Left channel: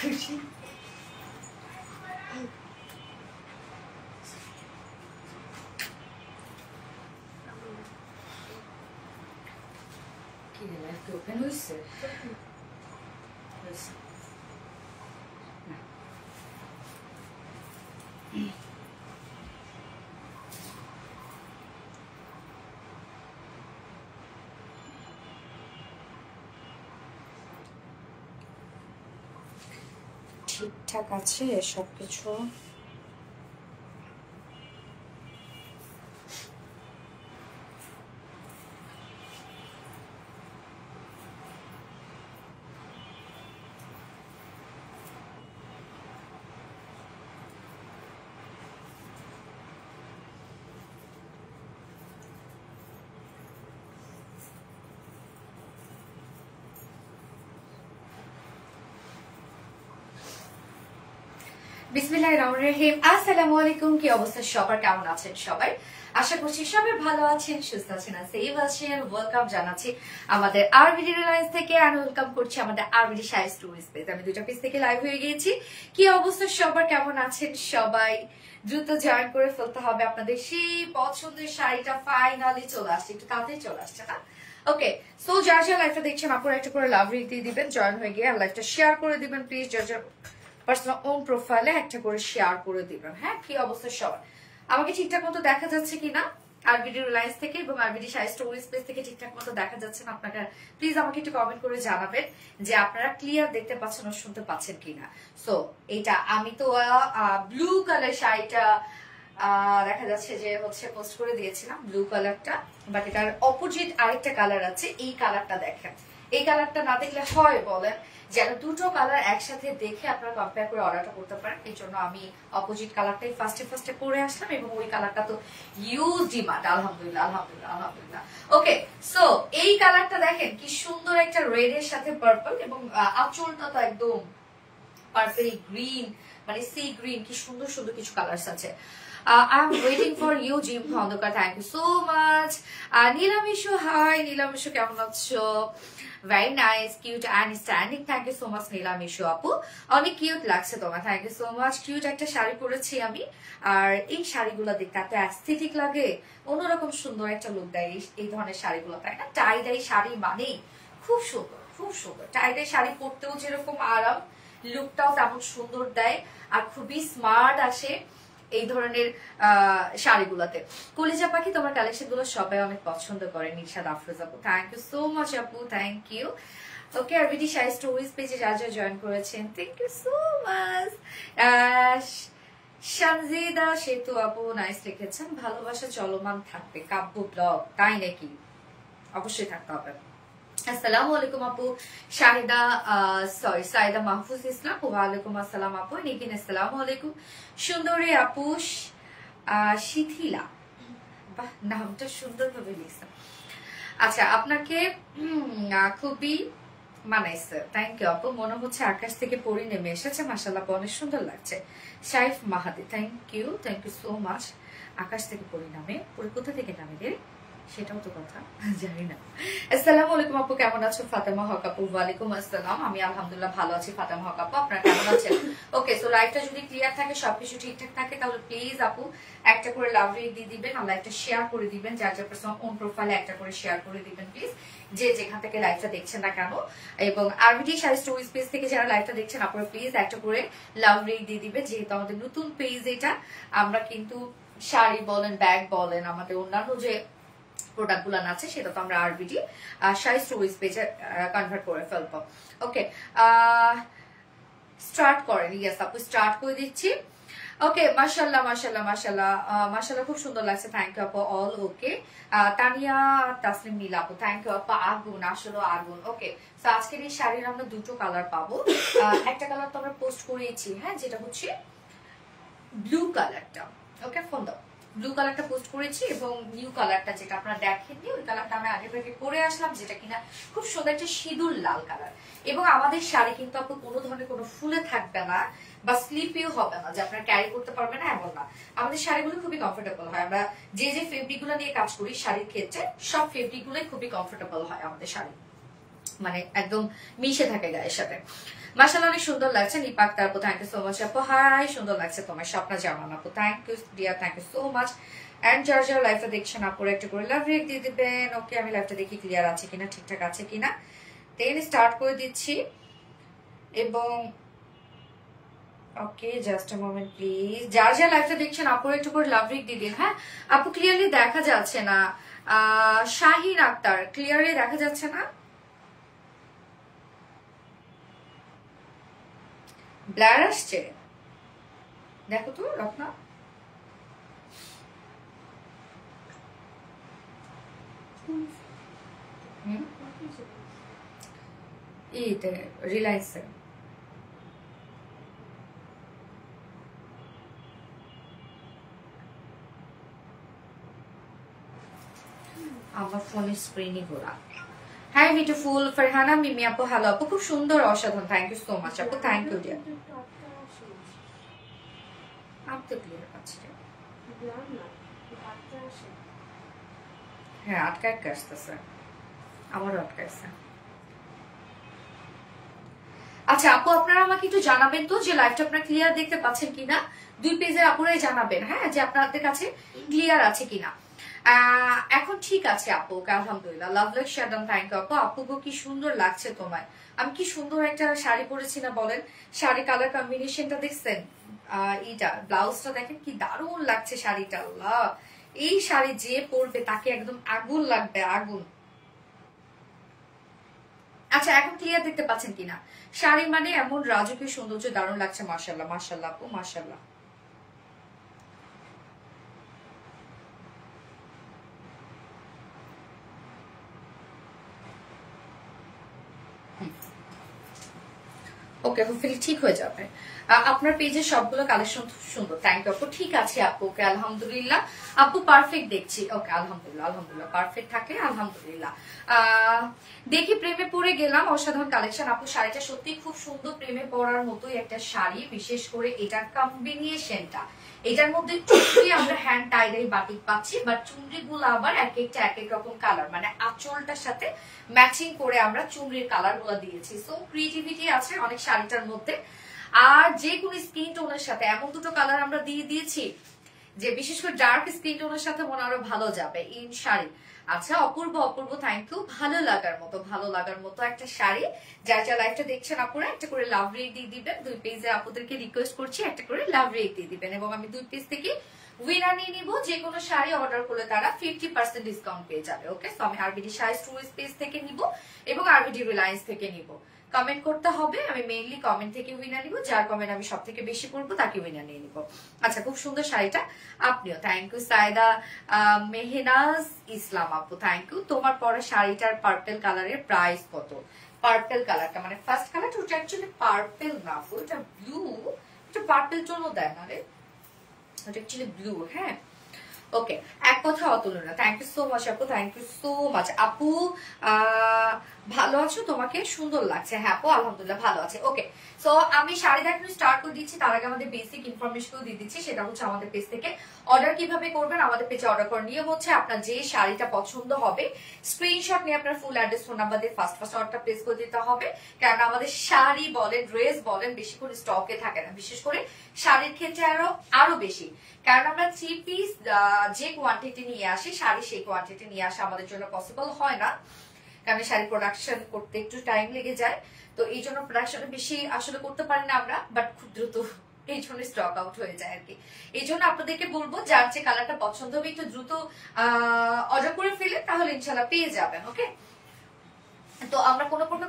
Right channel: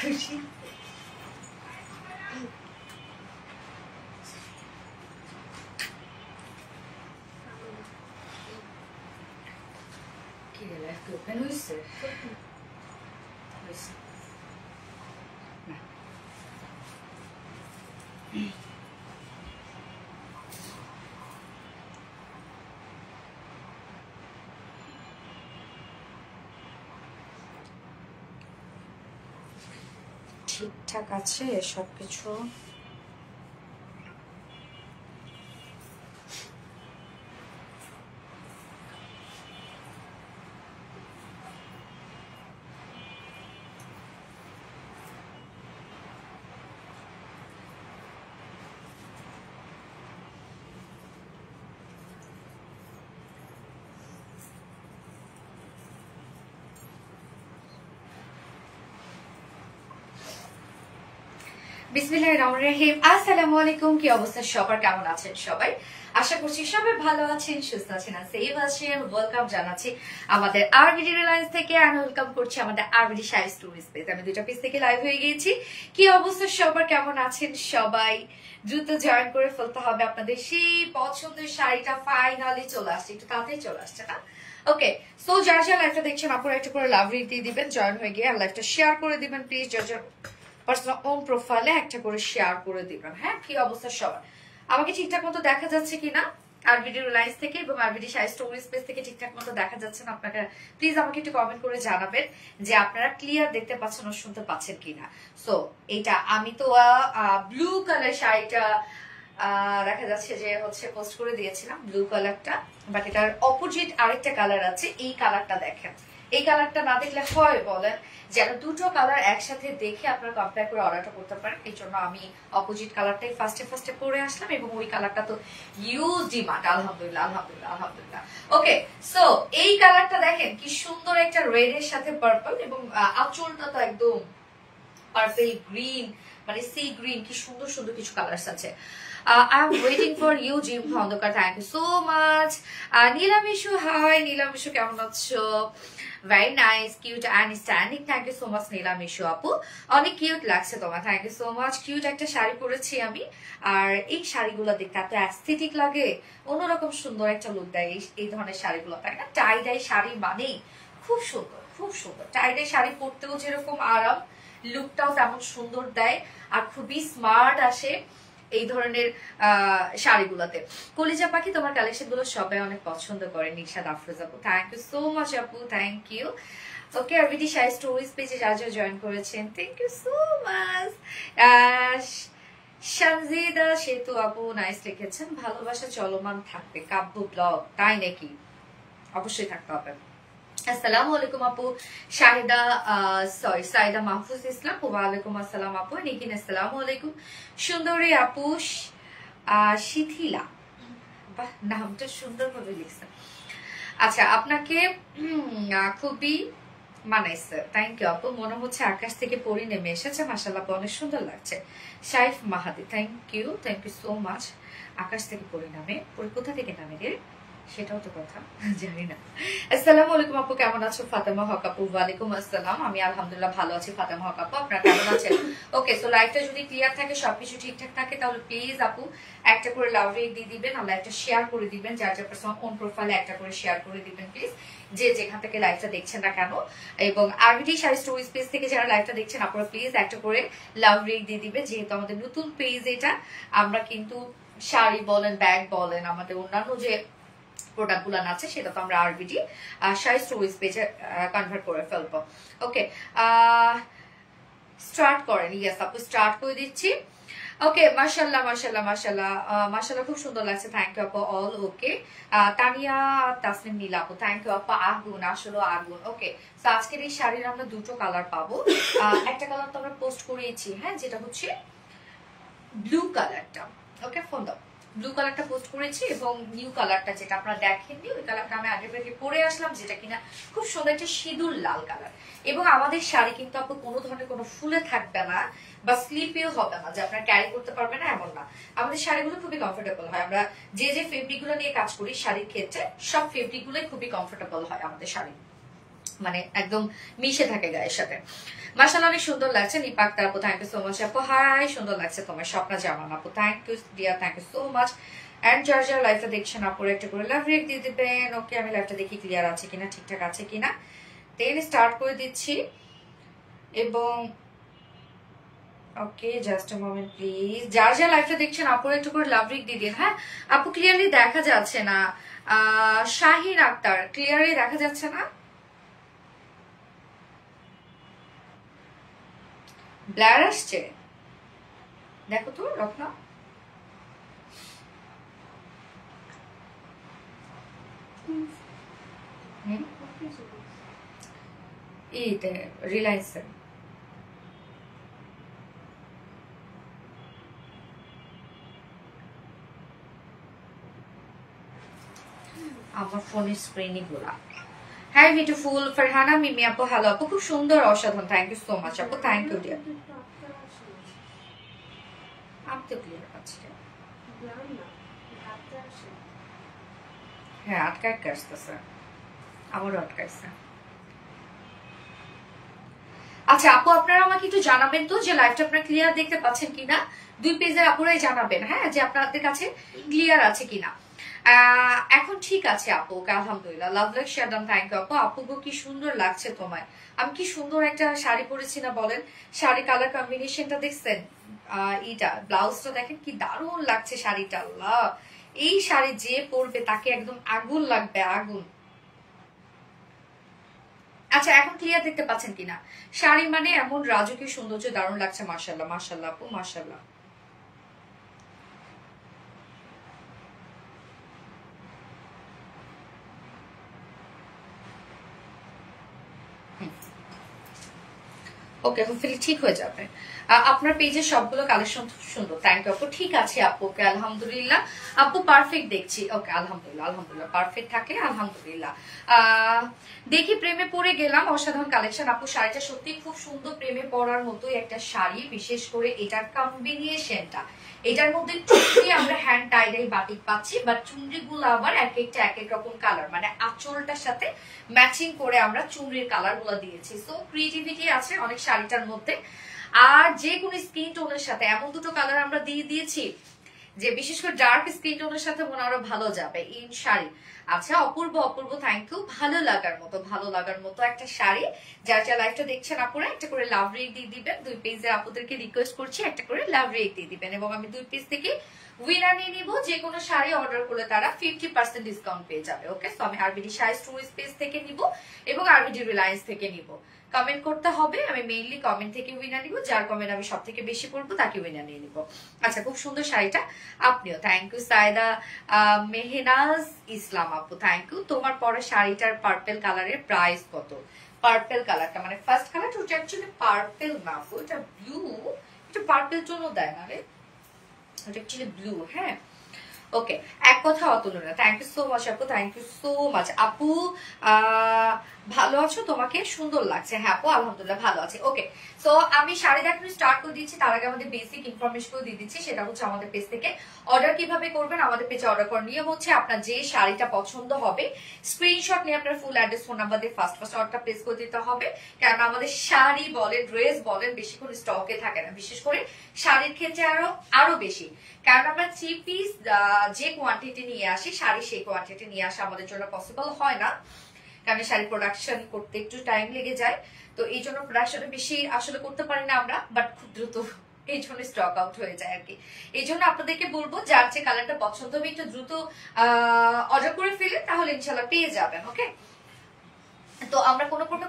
খুশি কি রে লাইফ ওপেন হইছে ঠিকঠাক আছে সবকিছু বিসমিল্লাহির রহমানির রহিম। আসসালামু আলাইকুম। কি অবস্থা সবার, কেমন আছেন সবাই? আশা করছি সবাই ভালো আছেন, সুস্থ আছেন, সেফ আছেন। ওয়েলকাম জানাচ্ছি আমাদের আরবিডি রিলায়েন্স থেকে, আর ওয়েলকাম করছি আমাদের আরবিডি শাড়ি স্টোরি স্পেস। আমি দুইটা পেজ থেকে লাইভ হয়ে গিয়েছি। কি অবস্থা সবার, কেমন আছেন সবাই? দ্রুত জয়েন করে ফেলতে হবে। আপনাদের সেই পছন্দের শাড়িটা ফাইনালি চলে আসছে, একটু তাড়াতাড়ি চলে আসছে না? ওকে, সো যারা যারা লাইভটা দেখছেন আপনারা একটু করে লাভ রিক দিয়ে দিবেন, জয়েন হয়ে গিয়ে লাইভটা শেয়ার করে দিবেন প্লিজ। যারা পার্সোনাল ওন প্রোফাইলে একটা করে শেয়ার করে দিবেন। হ্যাঁ, কি অবস্থা সবার? আমাকে ঠিকঠাক মতো দেখা যাচ্ছে কিনা আরবিডি রিলায়েন্স থেকে এবং আরবিডি শাড়ি স্টোরি স্পেস থেকে ঠিকঠাক মতো দেখা যাচ্ছে না? আপনাকে প্লিজ আমাকে একটু কমেন্ট করে জানাবেন যে আপনারা ক্লিয়ার দেখতে পাচ্ছেন ও শুনতে পাচ্ছেন কিনা। সো এইটা আমি তো ব্লু কালার শাড়িটা দেখা যাচ্ছে যে হচ্ছে পোস্ট করে দিয়েছিলাম, ব্লু কালারটা, বাট এটার অপোজিট আরেকটা কালার আছে। এই কালারটা দেখেন, এই কালারটা না দেখলে হয় বলেন? যেন দুটো কালার একসাথে দেখে আপনারা কম্পেয়ার করে অর্ডারটা করতে পারেন। এই জন্য আমি অপোজিট কালারটাই ফার্স্টে করে আসলাম এবং ওই কালারটা তো ইউজ ডিমান্ড। আলহামদুলিল্লাহ আলহামদুলিল্লাহ আলহামদুলিল্লাহ। ওকে, সো এই কালারটা দেখেন কি সুন্দর, একটা রেড এর সাথে পার্পল এবং আঁচলটা তো একদম পার্পল গ্রিন, মানে সি গ্রিন, কি সুন্দর সুন্দর কিছু কালার্স আছে। I'm waiting for you, Jim Khondokar. Thank you so much. Nilamishu, hi. Nilamishu, কেমন আছো? Very nice, cute and standing. Thank you so much, Nilamishu আপু। অনেক কিউট লাগছে তোমার, thank you so much. Cute একটা শাড়ি পরেছি আমি, আর এই শাড়িগুলো দেখতে এত অ্যাস্থেটিক লাগে, অন্যরকম সুন্দর একটা লুক দেয় এই ধরনের শাড়িগুলো, তাই না? টাই ডাই শাড়ি মানেই খুব সুন্দর, খুব সুন্দর। টাই ডাই শাড়ি পরতেও যেরকম আরাম, লুকটাও তেমন সুন্দর দেয়, আর খুবই স্মার্ট আসে এই ধরনের শাড়িগুলোতে। কলিজা পাখি, তোমার কালেকশন গুলো সবাই অনেক পছন্দ করে। নিশাদ আফরোজ আপু, থ্যাংক ইউ সো মাচ আপু, thank you. Okay, RBD sari stories পেজে যা যা জয়েন করেছেন, thank you so much. Shanjida Setu আপু, নাইস লিখেছেন, ভালোবাসা চলমান থাকবে কাব্য ব্লগ, তাই নাকি? অবশ্যই থাকতে হবে। আসসালামু আলাইকুম আপু। শাহিদা সাইদা মাহফুজ ইসলাম, ওয়ালাইকুম আসসালাম আপু। নিকিন, আসসালামু আলাইকুম। সুন্দরী আপু, শিথিলা, বাহ নামটা সুন্দর ভাবে লিখছেন। আচ্ছা, আপনাকে খুবই মানাইছে, থ্যাংক ইউ আপু। মনে হচ্ছে আকাশ থেকে পরি নেমে এসেছে, মাশাআল্লাহ অনেক সুন্দর লাগছে। সাইফ মাহাদি, থ্যাংক ইউ সো মাচ। আকাশ থেকে পরি নামে, পরি কোথা থেকে নামে রে সেটাও তো কথা জানি না। আসসালামু আলাইকুম আপু, কেমন আছো? ফাতেমা হক আপু, ওয়ালাইকুম আসসালাম। আমি আলহামদুলিল্লাহ ভালো আছি ফাতেমা হক আপু, আপনারা কেমন আছেন? ওকে, সো লাইভটা যদি ক্লিয়ার থাকে, সবকিছু ঠিকঠাক থাকে, তাহলে প্লিজ আপু একটা করে লাভ রেট দিয়ে দিবেন, আর লাইভটা শেয়ার করে দিবেন। যার যার পার্সোনাল ওন প্রোফাইলে একটা করে শেয়ার করে দিবেন প্লিজ, যে যেখান থেকে লাইভটা দেখছেন না কেন। এবং আরবিডি শাড়ি স্টোরি পেজ থেকে যারা লাইভটা দেখছেন, আপনারা প্লিজ একটা করে লাভ রেট দিয়ে দিবেন, যেহেতু আমাদের নতুন পেজ এটা। আমরা কিন্তু শাড়ি বলেন, ব্যাগ বলেন, আমাদের অন্যান্য যে প্রোডাক্ট গুলো আছে সেটা তো আমরা আরবিডি শাড়ি স্টোরিজ পেজে কনভার্ট করে ফেলবো। ওকে, স্টার্ট করেন। ইয়েস আপু, স্টার্ট করে দিচ্ছি। ওকে, মাশাআল্লাহ মাশাআল্লাহ মাশাআল্লাহ মাশাআল্লাহ, খুব সুন্দর লাগছে, থ্যাংক ইউ আপু অল। ওকে, তানিয়া তাসনিম নীলা আপু, থ্যাংক ইউ আপু। আগুন, আসলে আগুন। ওকে, তো আজকের এই শাড়ির আমরা দুটো কালার পাবো। একটা কালার তো আমরা পোস্ট করিয়েছি, হ্যাঁ, যেটা হচ্ছে ব্লু কালারটা। ওকে, ফোন দাও। ব্লু কালারটা পোস্ট করেছি এবং নিউ কালারটা যেটা আপনারা দেখেননি, ওই কালারটা আমি আগে থেকে পরে আসলাম, যেটা কিনা খুব সুন্দর একটা সিঁদুর লাল কালার। এবং আমাদের শাড়ি কিন্তু আপু কোনো ধরনের কোনো ফুলে থাকবে না বা স্লিপিও হবে না, যে আপনারা ক্যারি করতে পারবে না এমন না। আমাদের শাড়িগুলো খুবই কমফোর্টেবল হয়। আমরা যে যে ফেব্রিক গুলো নিয়ে কাজ করি শাড়ির ক্ষেত্রে, সব ফেব্রিক গুলোই খুবই কমফোর্টেবল হয় আমাদের শাড়ি, মানে একদম মিশে থাকে গায়ের সাথে। মাশাআল্লাহ অনেক সুন্দর লাগছে। নিপাক আপু থ্যাংক ইউ সো মাচ আপু। হাই, সুন্দর লাগছে তোমার স্বপ্ন জামান আপু, thank you dear, thank you so much. And Georgia লাইভটা দেখছেন আপুর একটা করে লাভ রিয়েক্ট দিয়ে দিবেন। ওকে, আমি লাইভটা দেখি ক্লিয়ার আছে কিনা, ঠিকঠাক আছে কিনা, দেন স্টার্ট করে দিচ্ছি। এবং ওকে, জাস্ট আ মোমেন্ট প্লিজ। যার যা লাইভটা দেখছেন আপুর একটু করে লাভ রিয়েক্ট দিয়ে দিন। হ্যাঁ আপু, ক্লিয়ারলি দেখা যাচ্ছে না। শাহিন আক্তার, ক্লিয়ারলি দেখা যাচ্ছে না? ব্লার আসছে, দেখো তো রত্না। এইতে রিলায়েন্সে আমার ফোনের স্ক্রিনই গোলা। হ্যাঁ বিউটিফুল ফারহানা মিমি আপু, হ্যালো আপু, খুব সুন্দর অসাধারণ, থ্যাংক ইউ সো মাচ আপু, থ্যাংক ইউ ডিয়ার। আপনি ক্লিয়ার পাচ্ছি, হ্যাঁ আটকা আসতেছে, আমারও আটকাইছে। আচ্ছা আপু, আপনারা আমাকে একটু জানাবেন তো যে লাইভটা আপনারা ক্লিয়ার দেখতে পাচ্ছেন কিনা, দুই পেজের আপুরাই জানাবেন, হ্যাঁ, যে আপনাদের কাছে ক্লিয়ার আছে কিনা। এখন ঠিক আছে আপু, আলহামদুলিল্লাহ। লাভ লাইক শেয়ারদাম, থ্যাংক ইউ আপু। আপু কি সুন্দর লাগছে তোমায়, আমি কি সুন্দর একটা শাড়ি পরেছি না বলেন। শাড়ি কালার কম্বিনেশনটা দেখছেন, এইটা ব্লাউজটা দেখেন কি দারুণ লাগছে শাড়িটা। আল্লাহ, এই শাড়ি যে পরবে তাকে একদম আগুন লাগবে, আগুন। আচ্ছা এখন ক্লিয়ার দেখতে পাচ্ছেন কিনা? শাড়ি মানে এমন রাজকীয় সৌন্দর্য, দারুণ লাগছে। মাশাআল্লাহ মাশাআল্লাহ আপু, মাশাআল্লাহ। ওকে, হোপফুলি ঠিক হয়ে যাবে। আপনার পেজে সবগুলো কালেকশন সুন্দর, থ্যাংক ইউ আপু। ঠিক আছে আপু, ওকে আলহামদুলিল্লাহ আপু, পারফেক্ট দেখছি। ওকে আলহামদুলিল্লাহ, আলহামদুলিল্লাহ পারফেক্ট থাকলে আলহামদুলিল্লাহ। দেখি প্রেমে পড়ে গেলাম, অসাধারণ কালেকশন আপু। শাড়িটা সত্যি খুব সুন্দর, প্রেমে পড়ার মতোই একটা শাড়ি, বিশেষ করে এটার কম্বিনেশনটা। এটার মধ্যে চুনরি আমরা হ্যান্ড টাইডাই বাটিক পাচ্ছি, বাট চুনরি গুলো আবার এক একটা এক এক রকম কালার, মানে আঁচলটার সাথে ম্যাচিং করে আমরা চুনরির কালার গুলো দিয়েছি। সো ক্রিয়েটিভিটি আছে অনেক শাড়িটার মধ্যে। আর যে কোনো স্কিন টোনের সাথে এমন দুটো কালার আমরা দিয়ে দিয়েছি যে বিশেষ করে ডার্ক স্কিন টোনের সাথে মনে আরো ভালো যাবে ইন শাড়ি। আচ্ছা অপূর্ব অপূর্ব, থ্যাংক ইউ। ভালো লাগার মতো একটা শাড়ি। যার যা লাইভটা দেখছেন আপুরা একটা করে লাভ রেক দিয়ে দিবেন। দুই পেজে আপুদেরকে রিকোয়েস্ট করছি একটা করে লাভ রেক দিয়ে দিবেন, এবং আমি দুই পেজ থেকে উইনার নিয়ে নিব। যে কোনো শাড়ি অর্ডার করলে তারা 50% ডিসকাউন্ট পেয়ে যাবে। ওকে, তো আমি আরবিডি শাড়ি স্টোরেজ পেজ থেকে নিব এবং আরবিডি রিলায়েন্স থেকে নিব। কমেন্ট করতে হবে, আমি মেইনলি কমেন্ট থেকে উইনার নিব। যার কমেন্ট আমি সব থেকে বেশি পড়বো তাকে উইনার নিয়ে নিব। আচ্ছা, খুব সুন্দর শাড়িটা, আপনিও থ্যাংক ইউ। সায়দা মেহনাজ ইসলাম আপু, থ্যাংক ইউ। তোমার পরে শাড়িটার পার্পেল কালারের প্রাইস কত? পার্পেল কালারটা মানে ফার্স্ট কালারটা ওটা অ্যাকচুয়ালি পার্পেল না আপু, এটা ব্লু। একটু পার্পেল টোন দেয় না রে, ওটা অ্যাকচুয়ালি ব্লু। হ্যাঁ ওকে, এক কথা অতুলনীয়, থ্যাংক ইউ সো মাচ আপু, থ্যাংক ইউ সো মাচ আপু। ভালো আছো? তোমাকে সুন্দর লাগছে। হ্যাঁ আপু আলহামদুলিল্লাহ ভালো আছে। ওকে, সো আমি শাড়ি দেখানো স্টার্ট করে দিচ্ছি। তার আগে আমাদের বেসিক ইনফরমেশন দিয়ে দিচ্ছি, সেটা হচ্ছে আমাদের পেজ থেকে অর্ডার কিভাবে করবেন। আমাদের পেজে অর্ডার করার নিয়ম হচ্ছে আপনার যে শাড়িটা পছন্দ হবে স্ক্রিনশট নিয়ে আপনার ফুল অ্যাড্রেস ফোন নাম্বার দিয়ে ফার্স্ট অর্ডারটা প্লেস করে দিতে হবে। কারণ আমাদের শাড়ি বলেন ড্রেস বলেন বেশিক্ষণ স্টকে থাকে না, বিশেষ করে শাড়ির ক্ষেত্রে আরো বেশি। কারণ আমরা 3 পিস যে কোয়ান্টিটি নিয়ে আসি, শাড়ি সেই কোয়ান্টিটি নিয়ে আসা আমাদের জন্য পসিবল হয় না, কারণ শাড়ি প্রোডাকশন করতে একটু টাইম লেগে যায়। তো এই জন্য প্রোডাকশনে বেশি আসলে করতে পারি না আমরা, বাট খুব দ্রুত এই জন্য স্টক আউট হয়ে যায় আর কি। এই জন্য আপনাদেরকে বলবো যার যে কালারটা পছন্দ হবে একটু দ্রুত অর্ডার করে ফেলে, তাহলে ইনশাল্লাহ পেয়ে যাবেন। ওকে, তো আমরা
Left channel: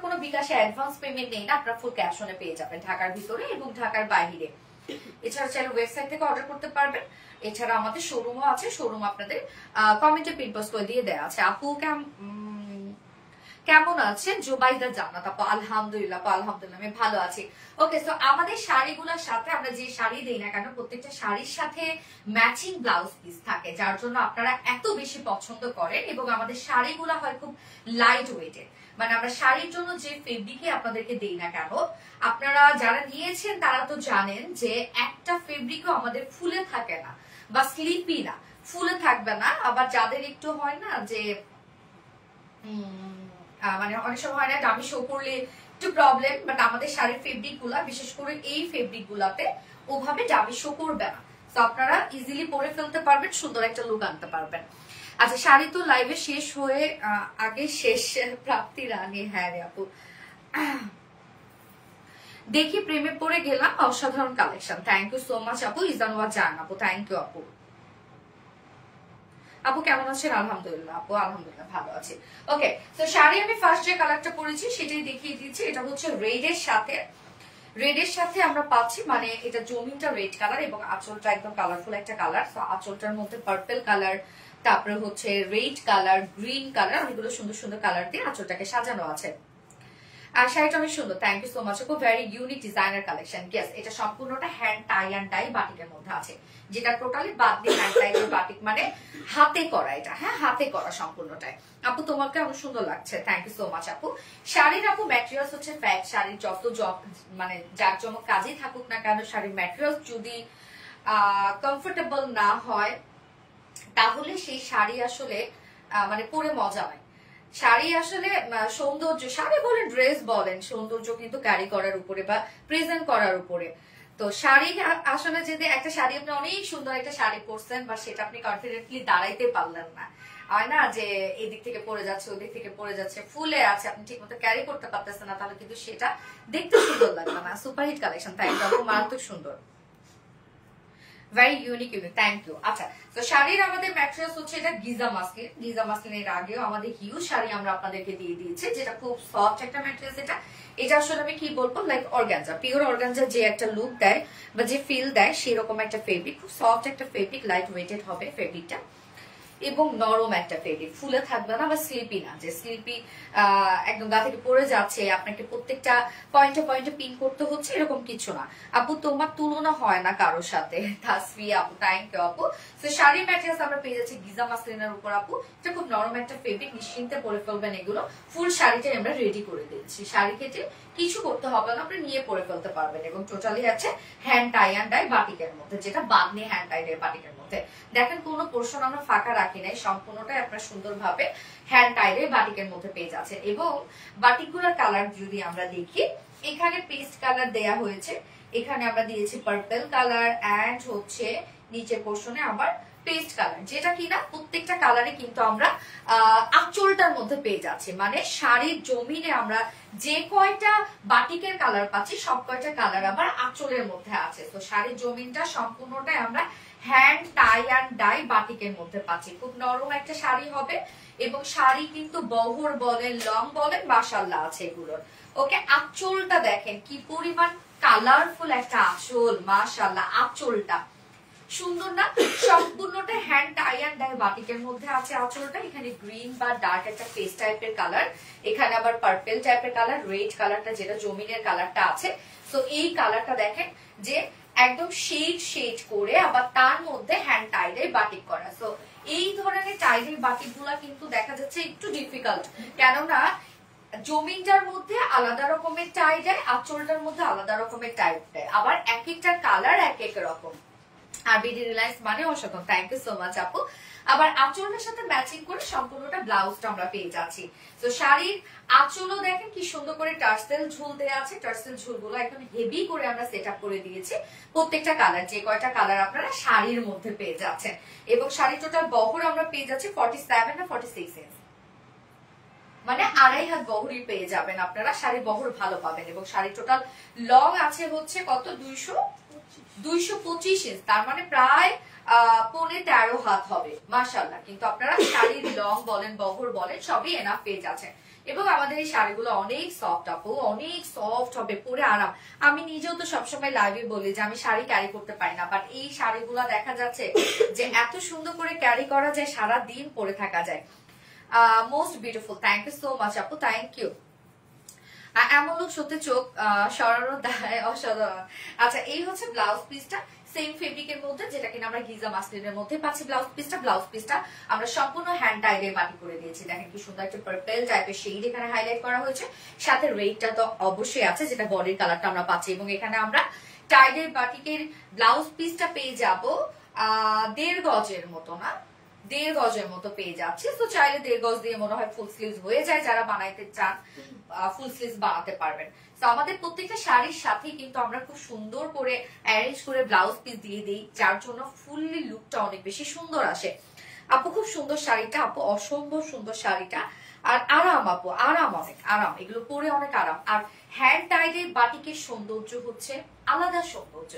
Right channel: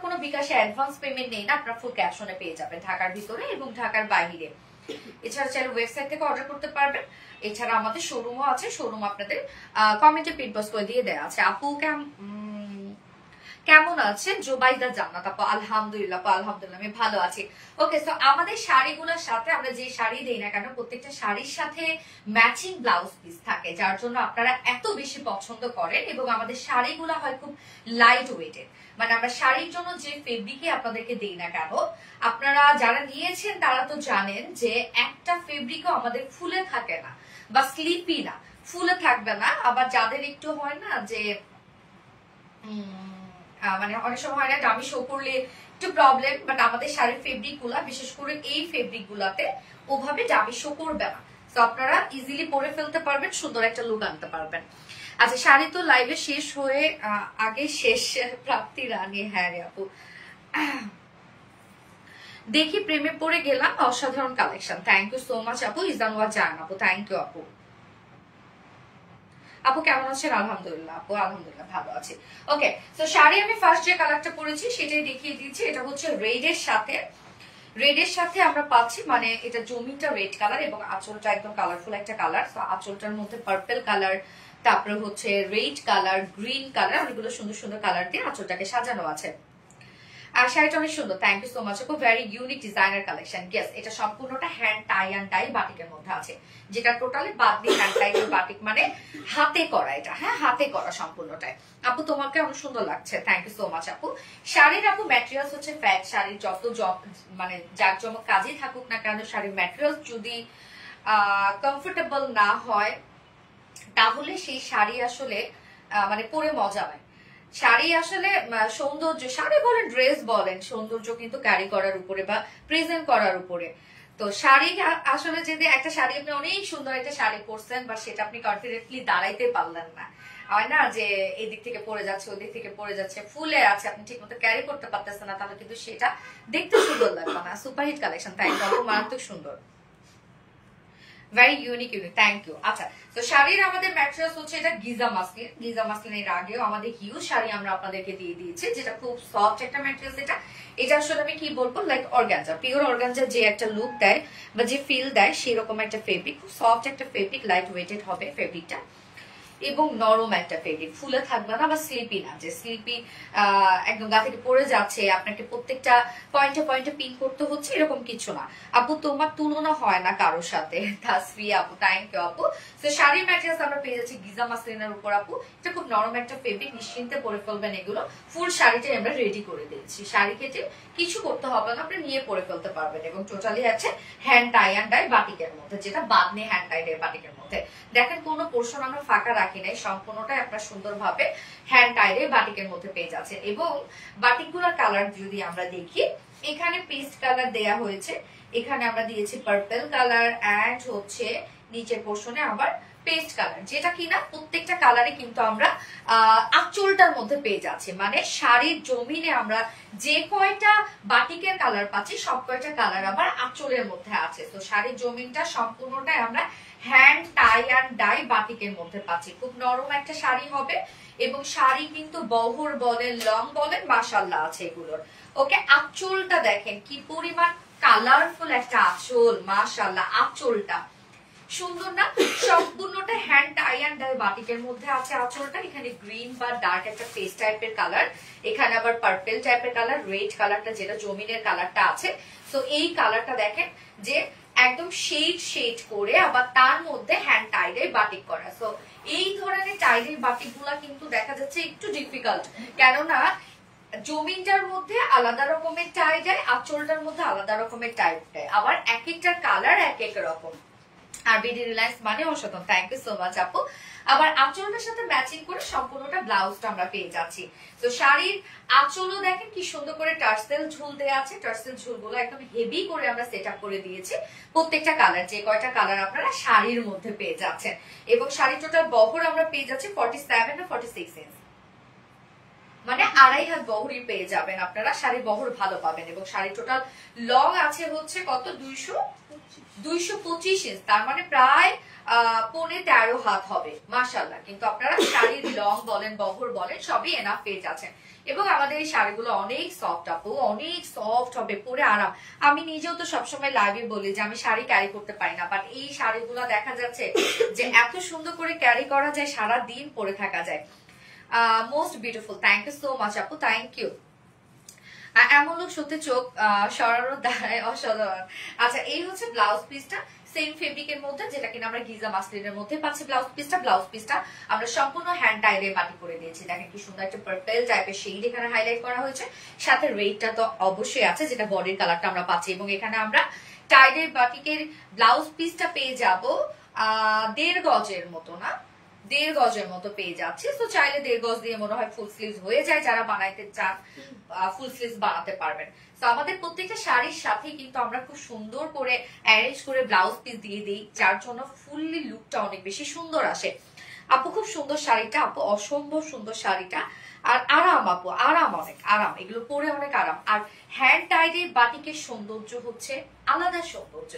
কোনো বিকাশে অ্যাডভান্স পেমেন্ট নেই না, আপনার ফুল ক্যাপশনে পেয়ে যাবেন ঢাকার ভিতরে এবং ঢাকার বাইরে। এছাড়া চাইলে ওয়েবসাইট থেকে অর্ডার করতে পারবেন। এছাড়া আমাদের শোরুমও আছে, শোরুম আপনাদের কমেন্টে পিন পোস্ট করে দিয়ে দেওয়া আছে। আপু কেমন আছেন? জোবাইদা জান্নাত আপু, আলহামদুলিল্লাহ আলহামদুলিল্লাহ আমি ভালো আছি। ওকে, তো আমাদের শাড়িগুলোর সাথে আমরা যে শাড়ি দেই না কেন, প্রত্যেকটা শাড়ির সাথে ম্যাচিং ব্লাউজ পিস থাকে, যার জন্য আপনারা এত বেশি পছন্দ করেন। এবং আমাদের শাড়িগুলো হয় খুব লাইট ওয়েটেড, মানে আমরা শাড়ির জন্য যে ফেব্রিকে আপনাদেরকে দেই না কেন, আপনারা যারা নিয়েছেন তারা তো জানেন যে একটা ফেব্রিকও আমাদের ফুলে থাকে না বা স্লিপি না, ফুলে থাকবে না। আবার যাদের একটু হয় না যে মানে অনেক সময় হয় না, দামি শো করলে একটু প্রবলেম, বাট আমাদের শাড়ির ফেব্রিক গুলা, বিশেষ করে এই ফেব্রিক গুলাতে ওভাবে ডাবি শো করবে না, তো আপনারা ইজিলি পরে ফেলতে পারবেন, সুন্দর একটা লুক আনতে পারবেন। আচ্ছা, শাড়ি তো লাইভে শেষ হয়ে আগে শেষ প্রাপ্তির আগে। হ্যাঁ রে আপু, দেখি প্রেমে পড়ে গেলাম, অসাধারণ collection. Thank you so much আপু। ইজানুয়া জান আপু, থ্যাংক ইউ আপু। আপু কেমন আছেন? আলহামদুলিল্লাহ আপু, আলহামদুলিল্লাহ ভালো আছে। ওকে, তো শাড়ি আমি ফার্স্ট যে কালারটা পরেছি সেটাই দেখিয়ে দিচ্ছি। এটা হচ্ছে রেডের সাথে, রেডের সাথে আমরা পাচ্ছি, মানে এটা জমিটা রেড কালার এবং আঁচলটা একদম কালারফুল একটা কালার। তো আঁচলটার মধ্যে পার্পল কালার, তারপরে হচ্ছে রেড কালার, গ্রিন কালার, অনেকগুলো সুন্দর সুন্দর কালার দিয়ে আঁচলটাকে সাজানো আছে। আর শাড়িটা অনেক সুন্দর, থ্যাংক ইউ সো মাচ আপু। Very unique designer collection. Yes, এটা সম্পূর্ণটা হ্যান্ড টাই অ্যান্ড ডাই বাটিকের মধ্যে আছে, যেটা টোটালি বাদনি হ্যান্ড টাই বাটিক, মানে হাতে করা এটা। হ্যাঁ, হাতে করা সম্পূর্ণটাই। আপু তোমাকে অনেক সুন্দর লাগছে, থ্যাংক ইউ সো মাচ আপু। শাড়ির আপু ম্যাটেরিয়ালস হচ্ছে ফ্যাট। শাড়ির যত মানে জাঁকজমক কাজই থাকুক না কেন, শাড়ির ম্যাটেরিয়ালস যদি কমফোর্টেবল না হয় তাহলে সেই শাড়ি আসলে মানে পরে মজা নাই। শাড়ি আসলে সৌন্দর্য, শাড়ি বলেন ড্রেস বলেন, সৌন্দর্য কিন্তু ক্যারি করার উপরে বা প্রেজেন্ট করার উপরে। তো শাড়ি আসলে যদি একটা শাড়ি আপনি অনেক সুন্দর একটা শাড়ি পরছেন, বা সেটা আপনি কনফিডেন্টলি দাঁড়াইতে পারলেন না, হয় না যে এদিক থেকে পড়ে যাচ্ছে ওদিক থেকে পড়ে যাচ্ছে, ফুলে আছে, আপনি ঠিক মতো ক্যারি করতে পারতেছেন না, তাহলে কিন্তু সেটা দেখতে সুন্দর লাগবে না। সুপারহিট কালেকশন, থ্যাংক ইউ, মারাত্মক সুন্দর, very unique unique, thank you. আচ্ছা, তো শাড়ির আমাদের ম্যাটেরিয়ালস হচ্ছে এটা গিজা মাসলিন। গিজা মাসলিনের আগেও আমাদের হিউজ শাড়ি আমরা আপনাদেরকে দিয়ে দিয়েছি, যেটা খুব সফট একটা ম্যাটেরিয়ালস। এটা আসলে আমি কি বলবো, লাইক অর্গানজা, পিওর অর্গানজা যে একটা লুক দেয় বা যে ফিল দেয় সেরকম একটা ফেব্রিক, খুব সফট একটা ফেব্রিক, লাইট ওয়েটেড হবে ফেব্রিকটা এবং নরম একটা ফেব্রিক, ফুলে থাকবে না বা স্লিপি না, যে স্লিপি একদম গা থেকে পড়ে যাচ্ছে, আপনাকে প্রত্যেকটা পয়েন্টে পয়েন্টে পিন করতে হচ্ছে, এরকম কিছু না। আপু তোমার তুলনা হয় না কারোর সাথে, তাসফি আপু, থ্যাংক ইউ আপু। তো শাড়ির ম্যাটেরিয়ালস আমরা পেয়ে যাচ্ছি গিজা মাসলিনের উপর আপু। এটা খুব নরম একটা ফেব্রিক, নিশ্চিন্তে পরে ফেলবেন এগুলো। ফুল শাড়িটাই আমরা রেডি করে দিয়েছি, শাড়ি কেটে কিছু করতে হবে না, আপনি নিয়ে পরে ফেলতে পারবেন। এবং টোটালি আছে হ্যান্ড টাই অ্যান্ড ডাই বাটিকের মধ্যে, যেটা বাদনে হ্যান্ড টাই ডাই বাটিকের মধ্যে। দেখেন কোনো পোর্শন আমরা ফাঁকা রাখি নাই, সম্পূর্ণটাই আপনার সুন্দরভাবে হ্যান্ড টাইরে বাটিকের মধ্যে পেয়ে যাচ্ছে। এবং বাটিকগুলোর কালার যদি আমরা দেখি, এখানে পেস্ট কালার দেয়া হয়েছে, এখানে আমরা দিয়েছি পার্পল কালার অ্যান্ড হচ্ছে নিচের পোর্শনে আবার পেস্ট কালার, যেটা কিনা প্রত্যেকটা কালারে কিন্তু আমরা আঁচলটার মধ্যে পেয়ে যাচ্ছি। মানে শাড়ির জমিনে আমরা যে কয়টা বাটিকের কালার পাচ্ছি সব কয়টা কালার আবার আঁচলের মধ্যে আছে। তো শাড়ির জমিনটা সম্পূর্ণটাই আমরা হ্যান্ড টাই অ্যান্ড ডাই বাটিকের মধ্যে পাচ্ছি। খুব নরম একটা শাড়ি হবে এবং শাড়ি কিন্তু বহর বলেন লং বলেন মাশাআল্লাহ আছে এগুলোর। ওকে, আঁচলটা দেখেন কি পরিমাণ কালারফুল একটা আঁচল, মাশাআল্লাহ আঁচলটা সুন্দর না? সম্পূর্ণটা হ্যান্ড টাই অ্যান্ড ডাই বাটিকের মধ্যে আছে আঁচলটা। এখানে গ্রিন বা ডার্ক একটা পেস্ট টাইপের কালার, এখানে আবার পার্পল টাইপের কালার, রেড কালারটা যেটা জমিনের কালারটা আছে। তো এই কালারটা দেখেন যে একদম শেড শেড করে, আবার তার মধ্যে হ্যান্ড টাই ডাই বাটিক করা। তো এই ধরনের টাই ডাই বাটিক গুলা কিন্তু দেখা যাচ্ছে একটু ডিফিকাল্ট, কেননা জমিনটার মধ্যে আলাদা রকমের টাই ডাই, আঁচলটার মধ্যে আলাদা রকমের টাই ডাই, আবার এক একটার কালার এক এক রকম। আর বিডি রিলায়েন্স মানে অসাধারণ, থ্যাংক ইউ সো মাচ আপু। আবার আঁচলের সাথে ম্যাচিং করে সম্পূর্ণটা ব্লাউজটা আমরা পেয়ে যাচ্ছি। তো শাড়ির আঁচলও দেখেন কি সুন্দর করে টার্সেল ঝুল দেওয়া আছে, টার্সেল ঝুলগুলো একদম হেভি করে আমরা সেট আপ করে দিয়েছি। প্রত্যেকটা কালার, যে কয়টা কালার আপনারা শাড়ির মধ্যে পেয়ে যাচ্ছেন। এবং শাড়ির টোটাল বহর আমরা পেয়ে যাচ্ছি 47 না 46 ইঞ্চ, মানে 2.5 হাত বহরই পেয়ে যাবেন আপনারা, শাড়ির বহর ভালো পাবেন। এবং শাড়ি টোটাল লং আছে হচ্ছে কত, 225 ইঞ্চ, তার মানে প্রায় 13.5 হাত হবে, মাশাআল্লাহ। কিন্তু আপনারা শাড়ির লং বলেন বহর বলেন সবই এনাফ পেয়ে যাচ্ছেন। এবং আমাদের এই শাড়িগুলো অনেক সফট আপু, অনেক সফট হবে, পরে আরাম। আমি নিজেও তো সবসময় লাইভে বলি যে আমি শাড়ি ক্যারি করতে পারি না, বাট এই শাড়িগুলো দেখা যাচ্ছে যে এত সুন্দর করে ক্যারি করা যায়, সারা দিন পরে থাকা যায়। Most beautiful, thank you so much আপু, থ্যাংক ইউ। এমন লোক সত্যি চোখ সরানোর দ্বারাই অসাধারণ। আচ্ছা, এই হচ্ছে ব্লাউজ পিসটা, সেম ফেব্রিকের মধ্যে, যেটা কিনা আমরা গিজা মাসলিনের মধ্যে পাচ্ছি। ব্লাউজ পিসটা আমরা সম্পূর্ণ হ্যান্ড টাইডে বাটি করে দিয়েছি। দেখেন কি সুন্দর একটা পার্পল টাইপের শেড এখানে হাইলাইট করা হয়েছে, সাথে রেডটা তো অবশ্যই আছে, যেটা বডির কালারটা আমরা পাচ্ছি। এবং এখানে আমরা টাইডের বাটিকের ব্লাউজ পিসটা পেয়ে যাব 1.5 গজের মতো, না 1.5 গজের মতো পেয়ে যাচ্ছি। তো চাইলে 1.5 গজ দিয়ে মনে হয় ফুল স্লিভস হয়ে যায়, যারা বানাইতে চান ফুল স্লিভস বানাতে পারবেন। তো আমাদের প্রত্যেকটা শাড়ির সাথে কিন্তু আমরা খুব সুন্দর করে অ্যারেঞ্জ করে ব্লাউজ পিস দিয়ে দিই, যার জন্য ফুললি লুকটা অনেক বেশি সুন্দর আসে। আপু খুব সুন্দর শাড়িটা, আপু অসম্ভব সুন্দর শাড়িটা। আর আরাম আপু, আরাম, অনেক আরাম, এগুলো পরে অনেক আরাম। আর হ্যান্ড টাইডের বাটিকের সৌন্দর্য হচ্ছে আলাদা সৌন্দর্য,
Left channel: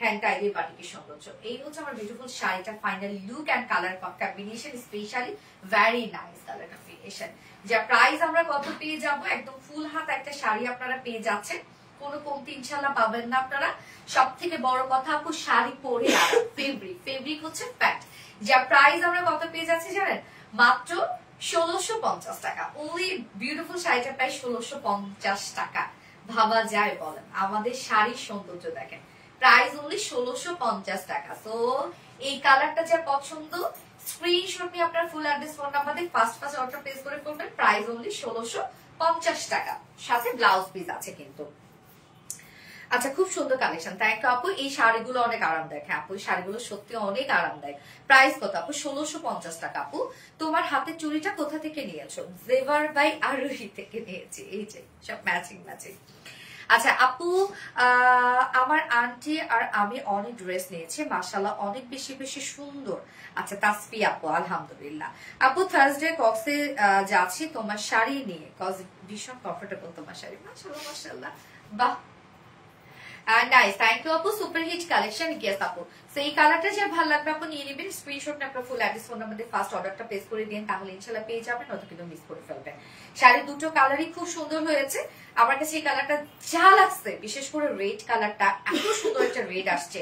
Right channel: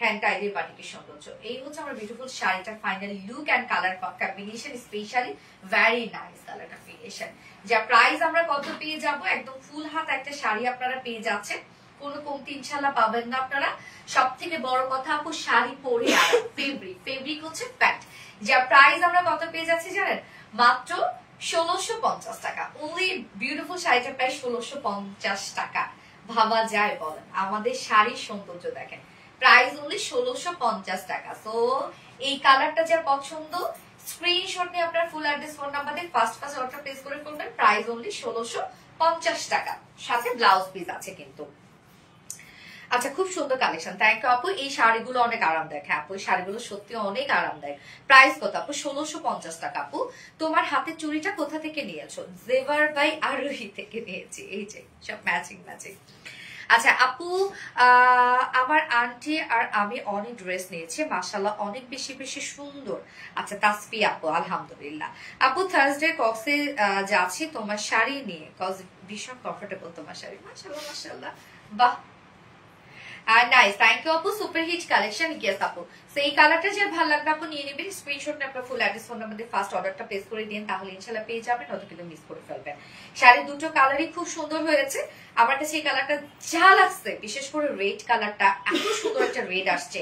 হ্যান্ড টাইডের বাটিকের সৌন্দর্য। এই হচ্ছে আমার বিউটিফুল শাড়িটার final look and colour combination, specially very nice colour combination. যা প্রাইস আমরা কত পেয়ে যাব, একদম ফুল হাত একটা শাড়ি আপনারা পেয়ে যাচ্ছেন, কোনো কমতি ইনশাল্লাহ পাবেন না আপনারা। সব থেকে বড় কথা আপু, শাড়ি পরে আরাম, ফেব্রিক হচ্ছে ফ্যাক্ট। যা প্রাইস আমরা কত পেয়ে যাচ্ছি জানেন, মাত্র 1650 টাকা। অনলি বিউটিফুল শাড়িটার প্রাইস 1650 টাকা। ভাবা যায় বলেন? আমাদের শাড়ির সৌন্দর্য দেখেন, প্রাইস অনলি 1650 টাকা। তো এই কালারটা যা পছন্দ, স্ক্রিনশট নিয়ে আপনার ফুল অ্যাড্রেস ফোন নাম্বার দিয়ে ফার্স্ট অর্ডার প্লেস করে ফেলবেন। প্রাইস অনলি 1650 টাকা, সাথে ব্লাউজ পিস আছে কিন্তু। আচ্ছা, খুব সুন্দর কালেকশন, থ্যাংক ইউ আপু। এই শাড়িগুলো অনেক আরামদায়ক। হ্যাঁ আপু, এই শাড়িগুলো সত্যি অনেক আরামদায়ক। প্রাইস কত আপু? 1650 টাকা। আপু তোমার হাতে চুড়িটা কোথা থেকে নিয়েছো? জেভার বাই আরোহী থেকে নিয়েছি। এই যে সব ম্যাচিং ম্যাচিং। আচ্ছা আপু, আমার আন্টি আর আমি অনেক ড্রেস নিয়েছি, মাশাআল্লাহ অনেক বেশি বেশি সুন্দর। আচ্ছা তাসফি আপু, আলহামদুলিল্লাহ। আপু থার্সডে কক্সে যাচ্ছি তোমার শাড়ি নিয়ে, কজ ভীষণ কমফোর্টেবল তোমার শাড়ি, মাশাআল্লাহ মাশাআল্লাহ, বাহ নাইস, থ্যাংক ইউ আপু। সুপার হিট কালেকশন, ইয়েস আপু। সেই কালারটা যে ভালো লাগবে আপু নিয়ে নেবেন, স্ক্রিনশট আপনার ফুল অ্যাড্রেস ফোন নাম্বার দিয়ে ফার্স্ট অর্ডারটা প্লেস করে দিন, তাহলে ইনশাআল্লাহ পেয়ে যাবেন, নয়তো কিন্তু মিস করে ফেলবেন। শাড়ি দুটো কালারই খুব সুন্দর হয়েছে। আমার কাছে এই কালারটা যা লাগছে, বিশেষ করে রেড কালারটা, এত সুন্দর একটা রেড আসছে।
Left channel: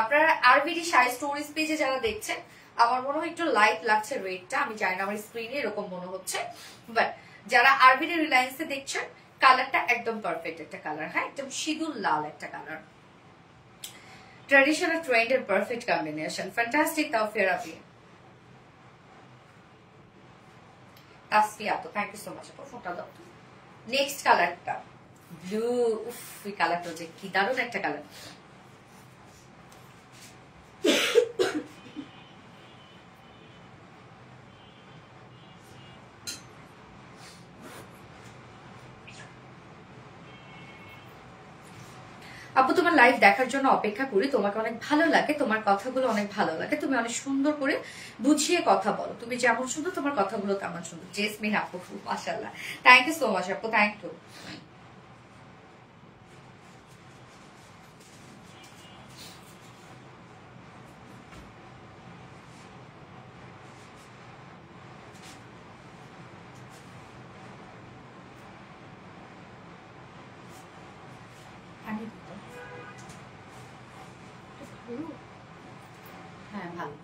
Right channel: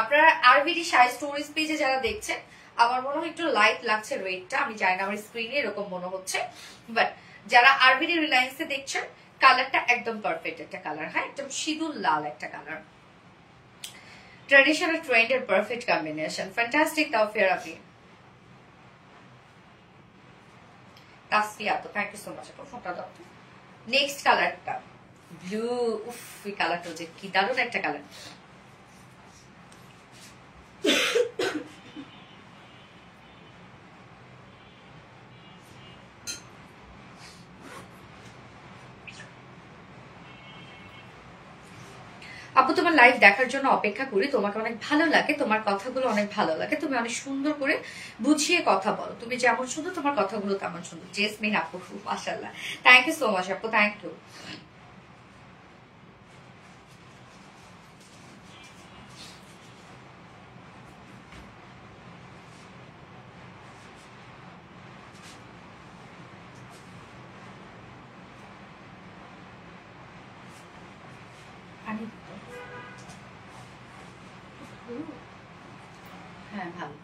আপনারা আরবিডি শাড়ি স্টোরিজ পেজে যারা দেখছেন, আমার মনে হয় একটু লাইট লাগছে রেডটা, আমি জানি না, আমার স্ক্রিনে এরকম মনে হচ্ছে, বাট যারা আরবিডি রিলায়েন্সে দেখছেন, কালারটা একদম পারফেক্ট একটা কালার। হ্যাঁ, একদম সিঁদুর লাল একটা কালার, ট্রেডিশনাল ট্রেন্ডের perfect combination, fantastic. Taofia Rafi, Tasfia আপু, থ্যাংক ইউ সো মাচ আপু, ফোনটা দাও। নেক্সট কালারটা ব্লু, উফ এই কালারটা যে কি দারুণ একটা কালার। আপু তোমার লাইভ দেখার জন্য অপেক্ষা করি, তোমাকে অনেক ভালো লাগে, তোমার কথাগুলো অনেক ভালো লাগে, তুমি অনেক সুন্দর করে বুঝিয়ে কথা বলো, তুমি যেমন সুন্দর তোমার কথাগুলো তেমন সুন্দর। জেসমিন আপু, মাশাআল্লাহ, থ্যাংক ইউ সো মাচ আপু, থ্যাংক ইউ। হ্যাঁ ভালো।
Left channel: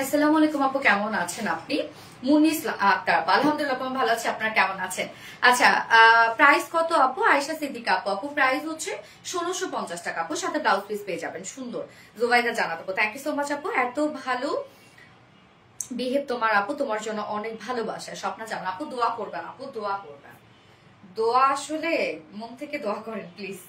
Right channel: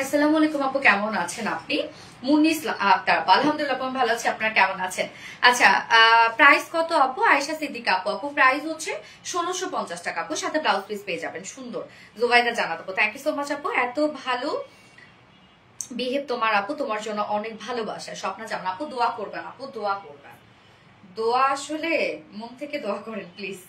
আসসালামু আলাইকুম আপু, কেমন আছেন আপনি? মুনিস আক্তার, আলহামদুলিল্লাহ ভালো আছে, আপনারা কেমন আছেন? আচ্ছা, প্রাইস কত আপু? আয়েশা সিদ্দিকা আপু, আপু প্রাইস হচ্ছে 1650 টাকা আপু, সাথে ব্লাউজ পিস পেয়ে যাবেন সুন্দর। জুবাইদা জানাত আপু, থ্যাংক ইউ সো মাচ আপু, এত ভালো বিহেভ তোমার আপু, তোমার জন্য অনেক ভালোবাসা। স্বপ্না জামান আপু, দোয়া করবেন আপু, দোয়া করবেন, দোয়া আসলে মন থেকে দোয়া করেন প্লিজ।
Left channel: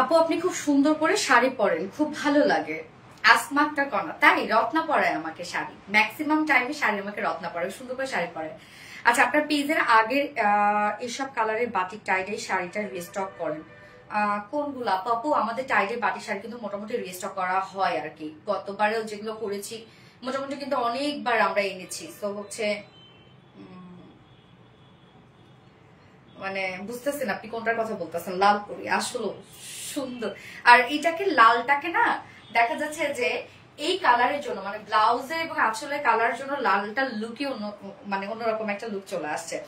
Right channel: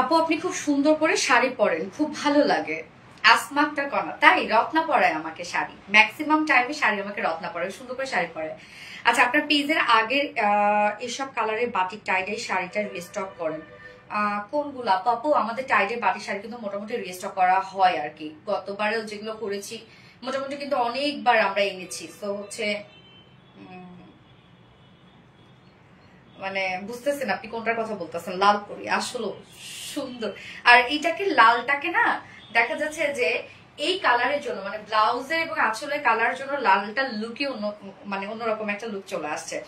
আপু আপনি খুব সুন্দর করে শাড়ি পরেন, খুব ভালো লাগে। আসমাকটা কনা, তাই রত্না পরায় আমাকে শাড়ি, ম্যাক্সিমাম টাইমে শাড়ি আমাকে রত্না পরায়, সুন্দর করে শাড়ি পরে। আচ্ছা, আপনার পেজের আগের এসব কালারের বাটিক টাইডের শাড়িটা রিস্টক করেন কোনগুলো আপু? আপু আমাদের টাইডের বাটিক শাড়ি কিন্তু মোটামুটি রিস্টক করা হয় আর কি, গতবারেও যেগুলো করেছি মোটামুটি কিন্তু অনেকবার আমরা এনেছি। তো হচ্ছে মানে বুঝতেছেন আপনি কোনটার কথা বলতেছেন। লাল করি আসলে সুন্দর। আর এইটাকে লালটাকে না দেখা যাচ্ছে যে এই কালারের জন্য মানে ব্লাউজের এবং আঁচলের কালার জন্য লালটা লুকই অন্য মানে অন্যরকম একটা লুক চলে আসছে।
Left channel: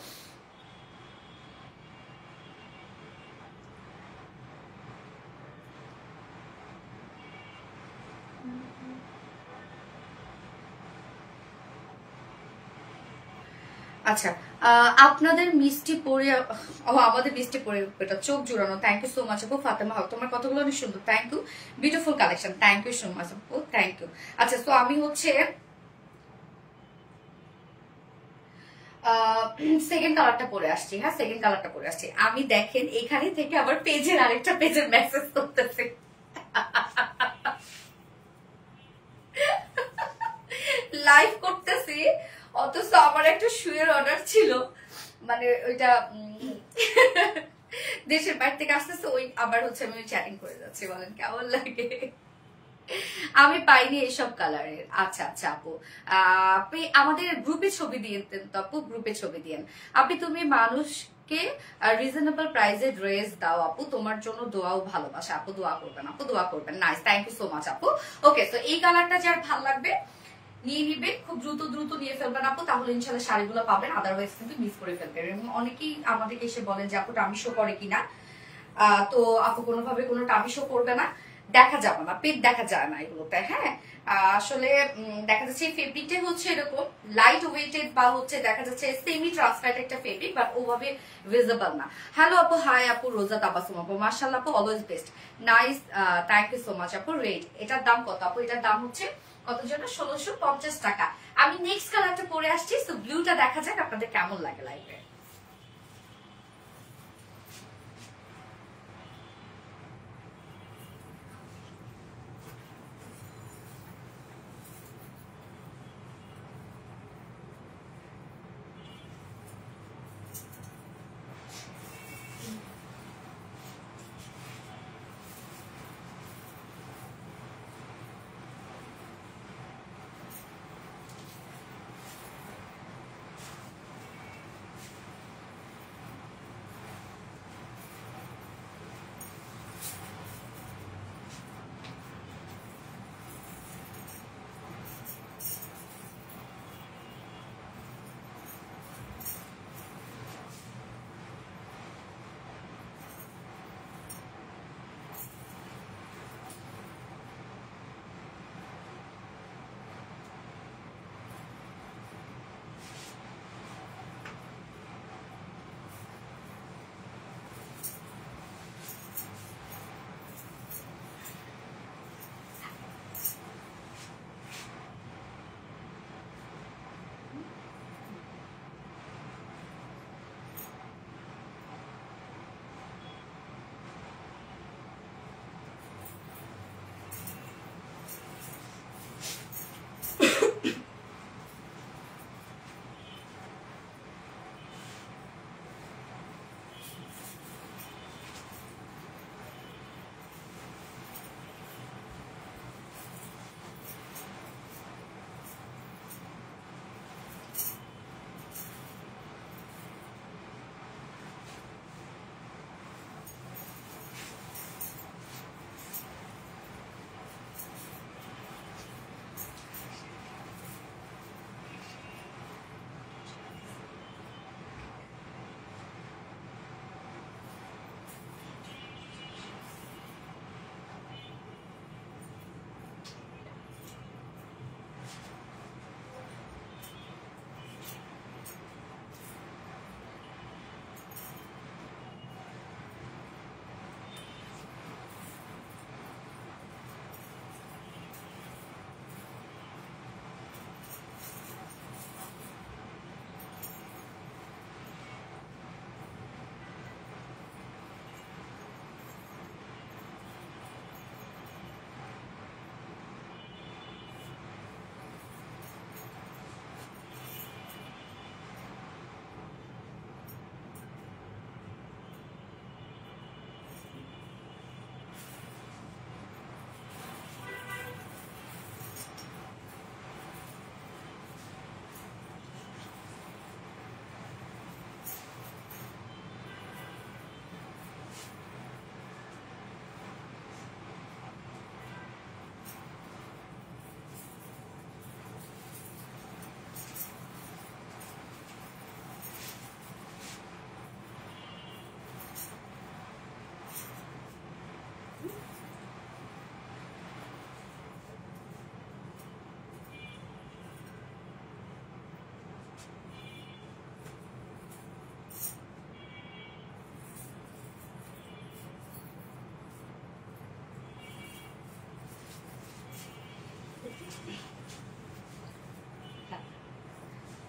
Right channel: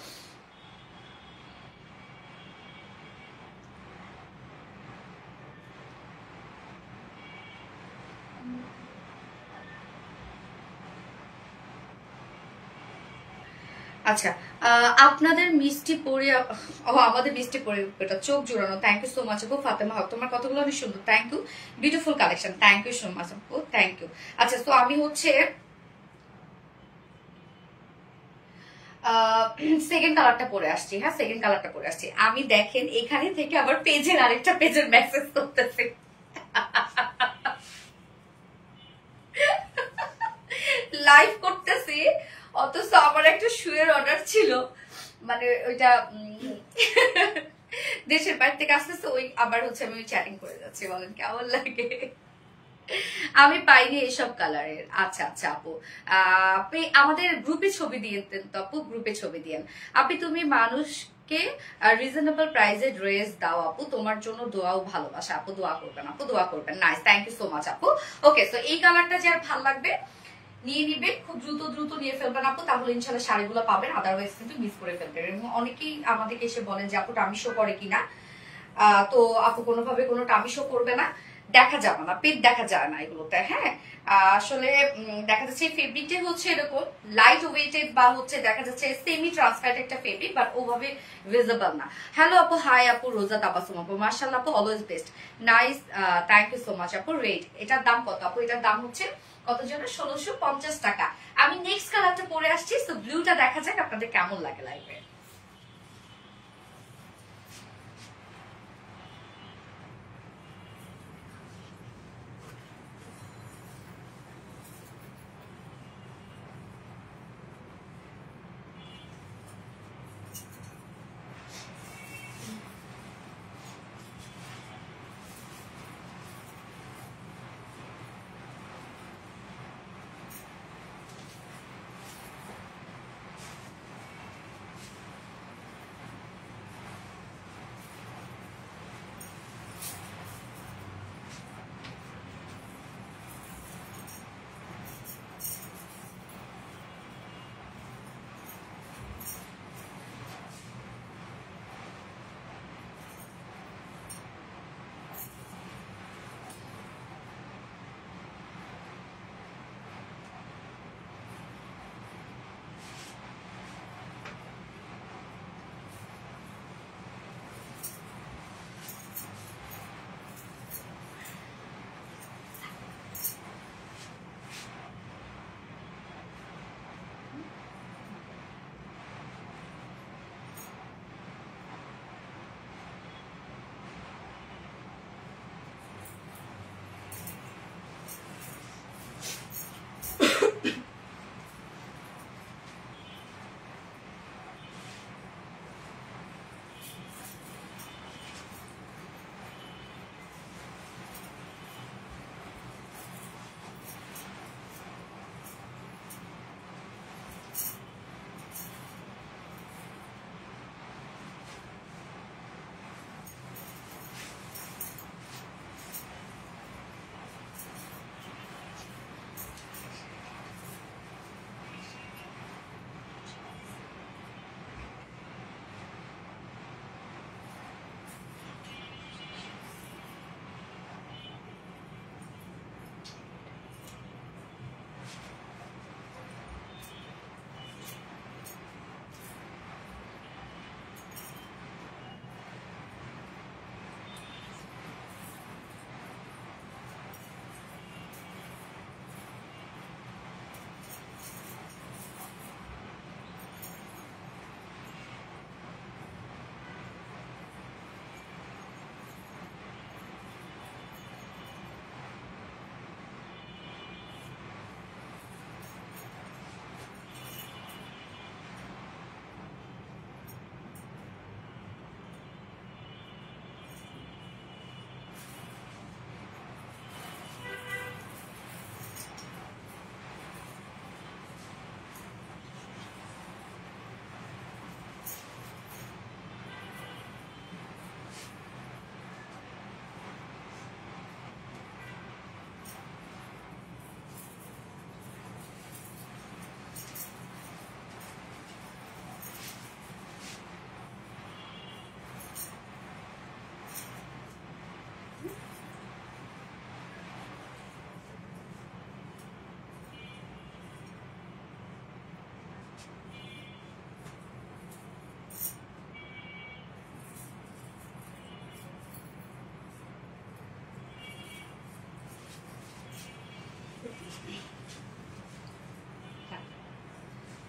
আচ্ছা আপনাদের মিষ্টি পরে আমাদের মিষ্টি পরে এটা চোখ জুড়ানো। থ্যাংক ইউ সো মাচ আপু। ফাতেমা হক তোমার কথাগুলো অনেক সুন্দর, thank you. Beautiful collection, thank you so much আপু, থ্যাংক ইউ। আচ্ছা তো আমি হচ্ছে সেকেন্ড কালারটা পরে আসছি। হ্যাঁ সেকেন্ড কালারটা পরে আসছি। আমি দেখেন এখানে থেকে আবার পেজের আরেকটা পেজের মেসেজ করতেছে লাইভ করতেছি, অথচ আমার একটা শুয়ের অর্ডার ছিল, মানে ওইটা দেশের বাইরে থেকে আসতেছে, ওই আবার হচ্ছে আমি চ্যাটিং করে যাচ্ছি। বলেন কেমন লাগে? আমি পাইনি এইসব কালারের। আচ্ছা আচ্ছা আপু আপনি আমাদের গ্রুপে ছবি দিয়ে দেন তো আপু, গ্রুপে ছবি দিয়েন। আপনি তুমি মানুষকে রিজনেবল প্রাইসে ড্রেস দাও আপু, তোমার জন্য দোয়াও ভালোবাসা আপু, দোয়া করবেন আপু, দোয়া করবেন। Nice, thank you so much আপু। ওকে তো এই কালারটা যার ভালো লাগবে নিয়ে নিবে, খুব দ্রুত দ্রুত নিয়ে ফেলবেন আপু, তাহলে ইনশাল্লাহ শাড়িগুলো পাবেন, আদারওয়াইজ কিন্তু মিস করে ফেলবেন। এবং অনেকেই আমাদেরকে এসে বলেন যে আপু টামি শো করে কিনা, তো আপু কোনোভাবে কোনো টামি শো করবে না, দেখা যাবে না, পেট দেখা যায় না এগুলোতে। হ্যাঁ আসলে দেখা যাচ্ছে ফেব্রিকটা হচ্ছে এরকম লাইট ওয়েটেড বা হচ্ছে দেখা যাচ্ছে সেমি ট্রান্সপারেন্ট একটা ফেব্রিক, বাট ওভাবে ভিজিবল না। হ্যালো আপু, হাই আপু, রোজা তাবাসুম আপু, মাশাআল্লাহ আপু, always best, nice, thank you so much আপু। রেট এটার দাম কত আপু? এটার দাম হচ্ছে কত জন্য? 1650 টাকা। আমি নেক্সট কালারটা পরে আসছি, তো ব্লুটা দেখা যাক আপনাদের কেমন লাগে লাইভে।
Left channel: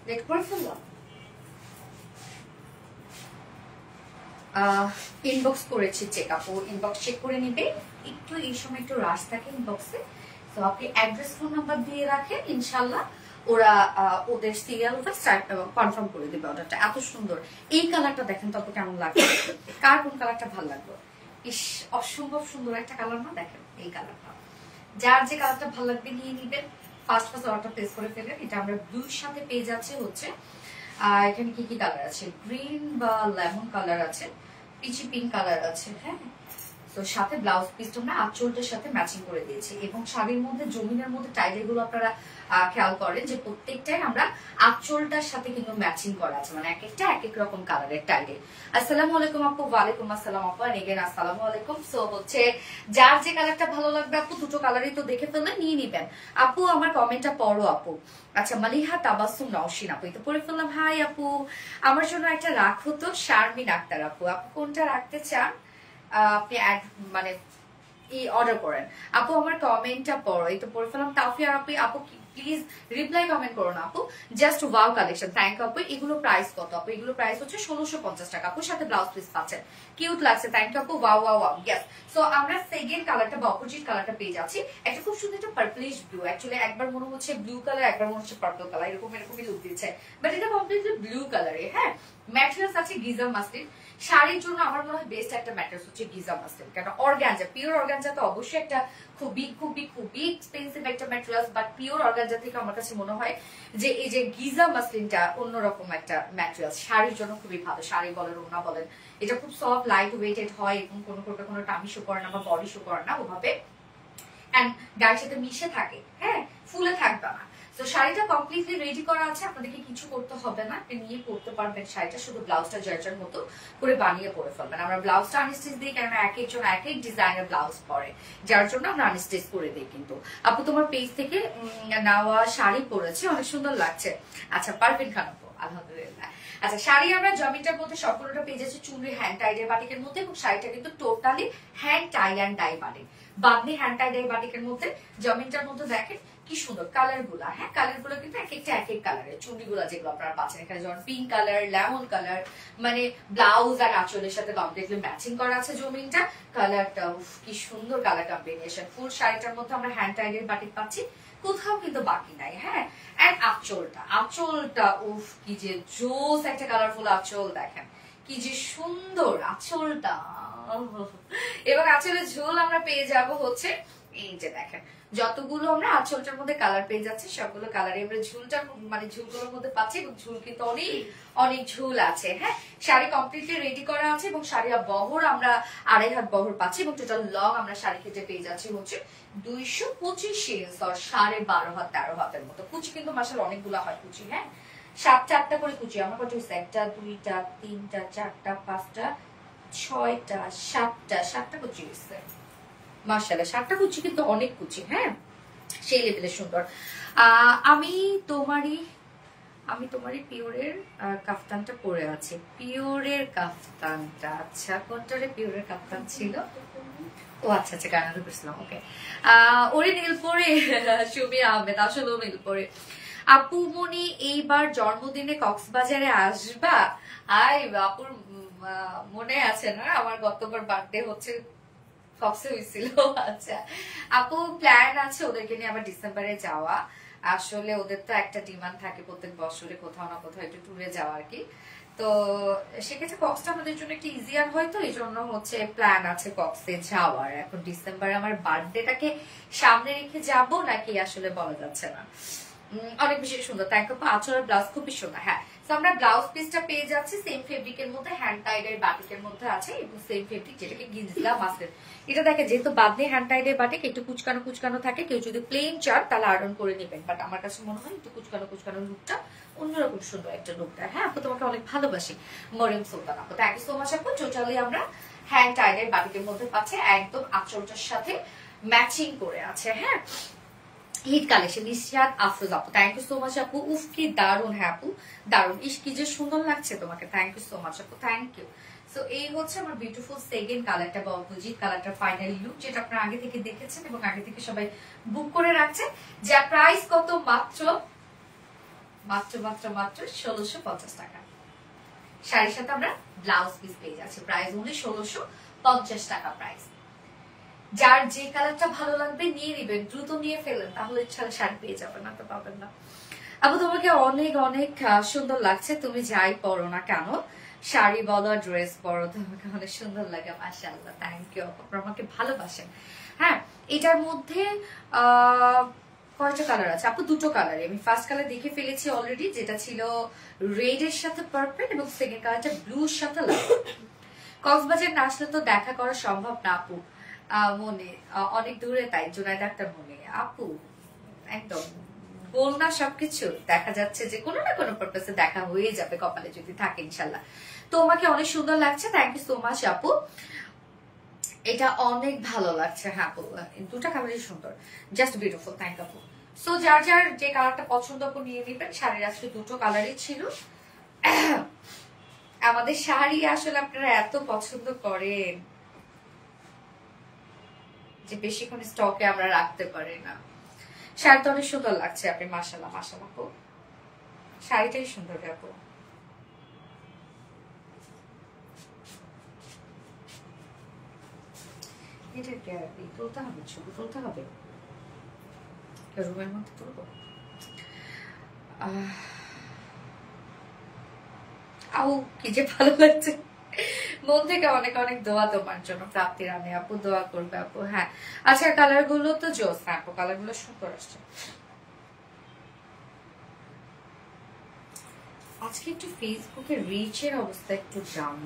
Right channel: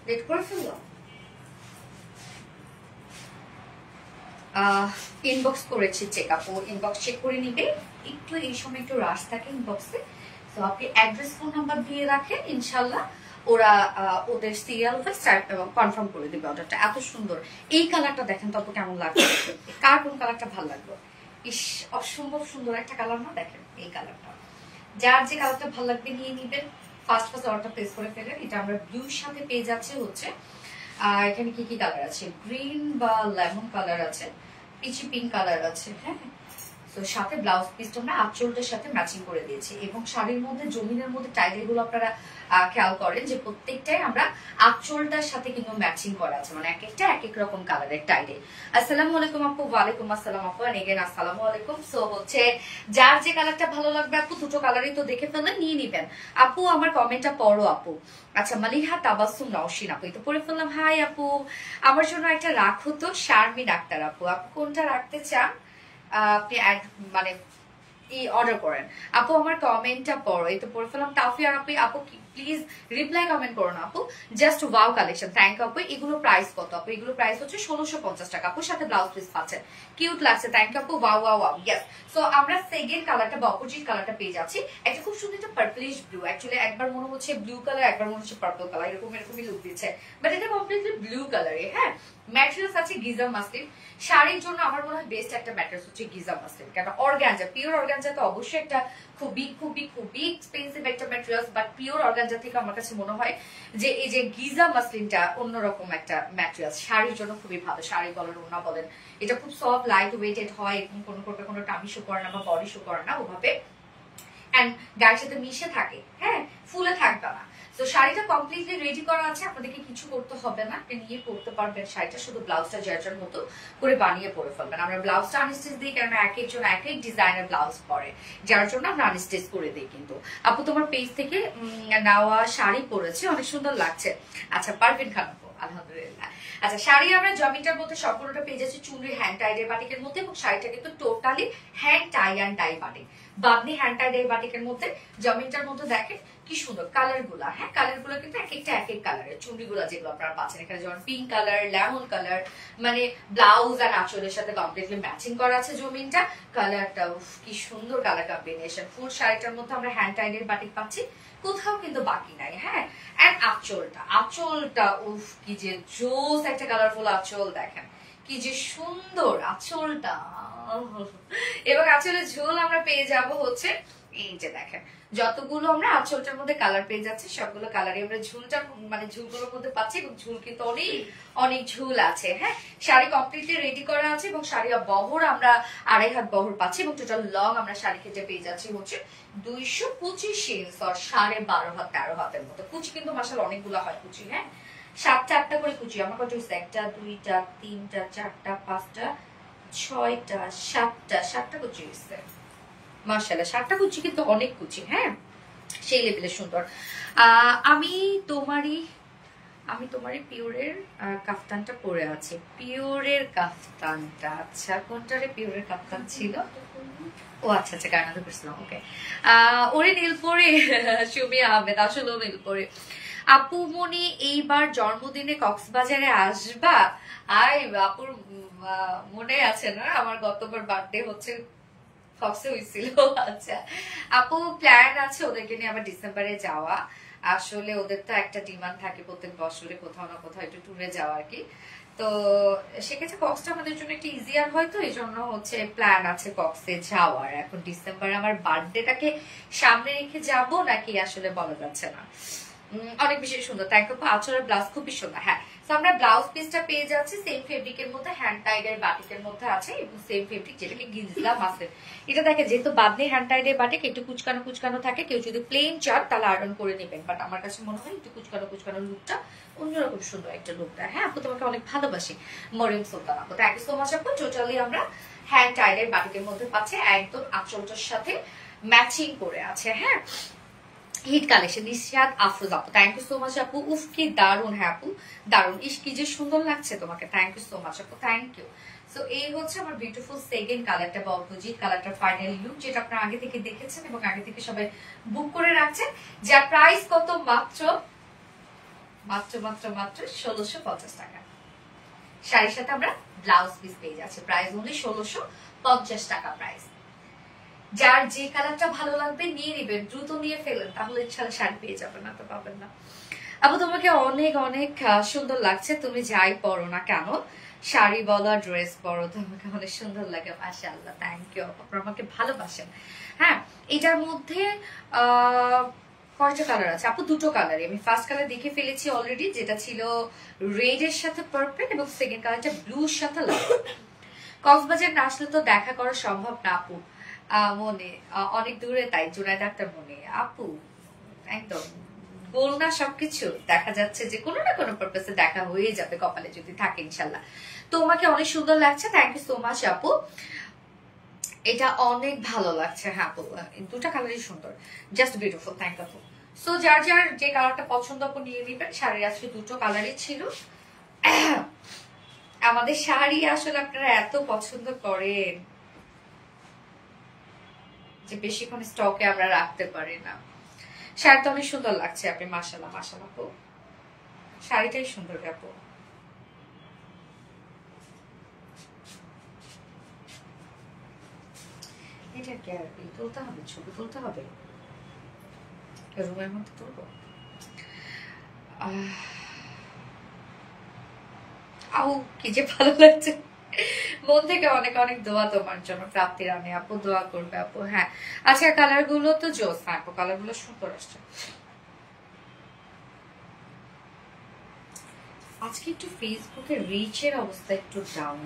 লেট করে ফেললাম। ইনবক্স করেছি চেক, আপু ইনবক্স চেক করে নিবে। একটু এই সময় একটু রাশ থাকে ইনবক্সে, তো আপনি অ্যাড্রেস ফোন নাম্বার দিয়ে রাখেন, ইনশাল্লাহ ওরা ওদের সিরিয়াল কনফার্ম করে দেবে অর্ডারটা। এত সুন্দর এই কালারটা দেখেন তো কেমন লাগবে, কার কোন কালারটা ভালো লাগলো? ইস, অসম্ভব সুন্দর একটা কালার না? দেখেন এই কালারটা, যার যে কালারটা ভালো লাগবে নিয়ে নিবেন, ফার্স্ট অর্ডারটা প্লেস করে ফেলেন। এটা আমরা ব্লুর সাথে পেয়ে যাচ্ছে হচ্ছে, এখানে কি কি কালার আছে, গ্রিন বা লেমন কালার আছে, পিচি পিঙ্ক কালার আছে, হ্যাঁ। তো সাথে ব্লাউজ পিসটা আমরা আঁচলটার সাথে ম্যাচিং করে দিয়েছি, এবং শাড়ির মধ্যে জমিনের মধ্যে টাইলের গুলো আপনারা খেয়াল করেন যে প্রত্যেকটাই আমরা আঁচলটার সাথে কিন্তু ম্যাচিং করা আছে, মানে এক একটা এক এক রকম কালারের টাইলে। আসসালামু আলাইকুম আপু। ওয়ালাইকুম আসসালাম আপু, এগেন আসসালামু আলাইকুম। সো হচ্ছে যার যে কালারটা ভালো লাগবে আপু, দুটো কালারই তো দেখে ফেললেন, নিয়ে নিবেন। আপু আমার কমেন্টটা পড়ো আপু। আচ্ছা, মালিহা তাবাসসুম নওশিন আপু, এই তো পড়ে ফেললাম। হাই আপু, আমার জন্য একটা রাখো তো, শারমিন আক্তার আপু। আপু কোনটা রাখতে চান আপনি মানে অর্ডার করেন। আপু আমার কমেন্টটা পড়ো, এই তো পড়ে ফেলাম। তাফিয়ার আপু, আপু প্লিজ রিপ্লাই কমেন্ট করো না আপু। Just wow collection, thank you আপু। এগুলো প্রাইস কত আপু? এগুলো প্রাইস হচ্ছে 1650 টাকা আপুর সাথে ব্লাউজ পিস পাচ্ছেন। কিউট লাগছে, থ্যাংক ইউ আপু। Wow wow wow, yes. So আমরা সেকেন্ড কালারটা বা অপোজিট কালারটা পেয়ে যাচ্ছি, একটা খুব সুন্দর একটা পার্পলিশ ব্লু। অ্যাকচুয়ালি একবার মনে হচ্ছে ব্লু কালার, একবার মনে হচ্ছে পার্পল কালার, এরকমই লুক দিচ্ছে, বাট এটা কমপ্লিটলি ব্লু কালারে। হ্যাঁ, ম্যাটেরিয়ালস আছে গিজা মাসলিন। শাড়ির জন্য আমার মনে হয় বেস্ট একটা ম্যাটেরিয়ালস হচ্ছে গিজা মাসলিন, কারণ অর্গানজা, পিওর অর্গানজা তো অবশ্যই একটা খুবই খুবই খুবই এক্সপেন্সিভ একটা ম্যাটেরিয়ালস, বাট পিওর অর্গানজা থেকে আমার কাছে মনে হয় যে এই যে গিজা মাসলিনটা অন্যরকম একটা ম্যাটেরিয়ালস, শাড়ির জন্য খুবই ভালো। শাড়ি বলেন, ওড়না বলেন, এটা খুব সফট লাইট ওয়েটেড হয়, এবং কোনো টামি শো করে না বা বডি শো করে না ওভাবে, এন্ড গায়ের সাথে মিশে থাকে, হ্যাঁ, ফুলে থাকবে না। তো শাড়িটা কমপ্লিটলি রেডি করা আছে, আপনাদেরকে কিছু করতে হবে না, আপনি নিয়ে পড়তে পারবেন শাড়িটা, শুধু ব্লাউজটা যার মতো করে বানিয়ে পরে ফেলবেন। আমরা ব্লাউজটা আনস্টিচ দিই, কারণ এক একজন এক এক ডিজাইনের ব্লাউজ পরে, যার জন্য আমরা আনস্টিচ করে দিই। কিন্তু আপু তোমার পেজ থেকে নেওয়া শাড়ি পরেছি, অনেক সুন্দর লাগছে। আচ্ছা, পারফেক্ট খান আপু, আলহামদুলিল্লাহ। আচ্ছা, শাড়ি আমরা জমিটার মধ্যে সবগুলোটা পেয়ে যাচ্ছি চুনরি হ্যান্ড টাইডের বাটিকের মধ্যে, এবং শাড়িটা কিন্তু totally hand tie and dye batik, বাদনি হ্যান্ড টাইডের বাটিকের মধ্যে। জমিটার মধ্যে দেখেন কি সুন্দর কালার গুলা, হ্যাঁ, কালার গুলো কিন্তু এক একটা এক এক কালারের। চুনরি গুলা যেগুলো আপনারা পাচ্ছেন এখানে, যেমন পিঙ্ক কালার, লেমন কালার, মানে ব্লাউজ আর আঁচলের সাথে কমপ্লিটলি ম্যাচিং করা আছে জমিনটা। কালারটা কি সুন্দর কালার কম্বিনেশন। ফুল শাড়িটার মধ্যে আমরা হ্যান্ড টাইডের বাটিক পাচ্ছি, কোথাও কিন্তু বাকি নাই, হ্যাঁ। এন্ড আঁচলটা উফ কি যে জোস একটা কালারফুল আঁচল, দেখেন কি যে সুন্দর আঁচলটা। এবং আঁচলের ঝোল আমরা পেয়ে যাব হচ্ছে এই যে দেখেন, যতগুলো আমরা আঁচলটার মধ্যে কালার পেয়ে যাচ্ছি সবগুলো কালারে আমরা ঝুলটা মানে ঝুলগুলোর মধ্যে পাচ্ছি, এবং ঝুল কিন্তু অনেক অনেক ঝুল আছে, হ্যাঁ। শাড়ি কমপ্লিটলি রেডি করা আছে, এবং শাড়ি বহর আমরা 2.5 হাত বহর পাচ্ছি, এবং টোটাল লং আমরা শাড়ি কেটে পেয়ে যাচ্ছি হচ্ছে 225 ইঞ্চ, 12.5 হাত 13 হাতের মতো। কুচি কিন্তু মাশাআল্লাহ অনেকগুলো হয় কুচি, হ্যাঁ, 7টা করে কুচি। আমার কত হচ্ছে? 1টা 2টা 3টা 4টা 5টা 6টা 7টা কুচি হচ্ছে মাশাআল্লাহ। 7টা কুচি কিন্তু অনেক কুচি, হ্যাঁ, সেই লেভেলের সুন্দর। আমি তোমারই পিওরের কাফতানটা পরে আছে। পিওরের কাফতানটা, আচ্ছা কোনটারে পিওরের কাফতান ছিল? ও আচ্ছা আচ্ছা, গায়না করছিলাম, ওকে। ওরে নীলপরি সুমি আহমেদ, আসলে নীলপরি। আপু মনি এইবার জন্মদিনে কক্সবাজারে আসবা? আপুর মনে আছে না, আমার গতবার বার্থডে হচ্ছে কক্সে হয়েছিল। আচ্ছা আপু, প্ল্যান আছে ওদেরকে নিয়ে আবার ডিসেম্বরে যাওয়া। আসলে ওদের তো একটা ডিমান্ড থাকে প্রত্যেক বছরে কোথাও না কোথাও একটু ট্যুরে যাওয়া আর কি। তো সেক্ষেত্রে কক্সটা আমাদের জন্য একটু ইজিয়ার হয়, তো এই জন্য হচ্ছে প্ল্যান আছে কক্সে যাওয়ার। এখন ডিসেম্বরে আমার বার্থডেটাকে সামনে রেখে যাব নাকি আসলে বলা যাচ্ছে না। অনেক বেশি সুন্দর, তাই তো আঁচলের ব্লাউজ খুবই সুন্দর, হ্যাঁ। আমরা ব্লাউজ পিসটা পেয়ে যাচ্ছি সেম ফেব্রিকের মধ্যে, হ্যান্ড টাইডের বাটিকের মধ্যে আছে, এবং সেম ফেব্রিক যেটাকে গিঞ্জলা মাসলিন। এটা দেখে যেহেতু বাদনি হ্যান্ড টাইডের বাটিক, একটু কুচকানো কুচকানো থাকে, কেউ যদি প্লেন চান তাহলে আয়রন করে নেবেন, বাট আমার কাছে মনে হয় একটু কুচকানো কুচকানো লুকটা অন্যরকম সুন্দর একটা লুক দেয়। হ্যাঁ আপু, তোমাকে অনেক ভালোবাসি মরিয়ম সুলতান আপু, থ্যাংক ইউ সো মাচ আপু। টোটালি আমরা হ্যান্ড টাইডের বাটিকের মধ্যে পাচ্ছি, একদম আঁচলটার সাথে ম্যাচিং করে আছে, হ্যাঁ। হিট কালেকশন, নিশাদ আফরোজ আপু, থ্যাংক ইউ সো মাচ আপু। উফ কি দারুন, হ্যাঁ আপু দারুন, ইস কি যে সুন্দর লাগছে তোমাকে, থ্যাংক ইউ সো মাচ আপু, থ্যাংক ইউ। সো এই হচ্ছে আমার বিউটিফুল সেকেন্ড কালারটা বা অপোজিট কালারটার ফাইনাল লুক, যেটা আপনারা আগে থেকে দেখেছেন এবং আগে থেকে সবাই বুক করে রাখছেন। যার প্রাইস কত? মাত্র মাত্র মাত্র মাত্র 1650 টাকা। শাড়ির সাথে আমরা ব্লাউজ পিস পেয়ে যাচ্ছি, প্রাইস অনলি 1650 টাকা প্রাইস। যার যে কালারটা ভালো লাগবে নিয়ে নিবেন, দ্রুত নিয়ে ফেলেন, তাহলে ইনশাআল্লাহ শাড়ি পেয়ে যাবেন, না তো পাবেন না। আপু তোমাকে অনেক অনেক সুন্দর লাগছে, তুমি যাই পরো না কেন, শাড়ি বলো ড্রেস পরো, তোমাকে অনেক সুন্দর লাগে। মাশাআল্লাহ, থ্যাংক ইউ, আপনারা আমাকে ভালোবাসেন। হ্যাঁ, এটার মধ্যে কয়টা কালার আছে আপু? দুটো কালার। আমি ফার্স্ট কালার দেখে ফেলেছি অলরেডি, যেটা ছিল রেড এর সাথে পার্পল, এবং সেকেন্ড কালারটা ব্লুর সাথে লাল। কক্সবাজার না আসলে তো দেখা করা সম্ভব না আপু, মনে অনেক দূরে, তাই জুনাইদ আক্তার মনে। আপু একদম বল না, সবকিছু দেখা যাচ্ছে যে কোনো না কোনো পারপাসে দেখা হয়ে যাবে, কপালে যদি থাকে ইনশাল্লাহ। তোমাকে অনেক সুন্দর লাগছে, থ্যাংক ইউ সো মাচ আপু, এটা অনেক ভালো লাগছে। হ্যাঁ আপু, দুটা কালারই সুন্দর, জাস্ট বিউটিফুল, থ্যাংক আপু। সো যার যার যে কালারটা পছন্দ আপু নিয়ে নিবেন। শাড়ির আজকে দুটো কালারই ছিল। আমাদের শাড়ি আসলে আপনারা এত পছন্দ করেন যে বেশিক্ষণ স্টকে আমরা রাখতে পারি না। শাড়িটা অনেক সুন্দর লাগছে আপনি, মাশাআল্লাহ মাশাআল্লাহ আপু, শাড়িটাই সুন্দর আপু। এটা কি তুলতে হবে, ছবি তুলতে হবে, রুমের মধ্যে তুলবো। আউ কি যে ভালো লাগছে, মন থেকে অনেক অনেক দোয়া তোমার জন্য, প্রাপ্তি রানী আপু দোয়া করবে আপু। হ্যাঁ আচ্ছা, কালার গুলো তো জোস, হ্যাঁ আপু কালার গুলো সুন্দর আসছে। আজকে একটু ফেসবুকে রিচের অবস্থা একটু ডাউন।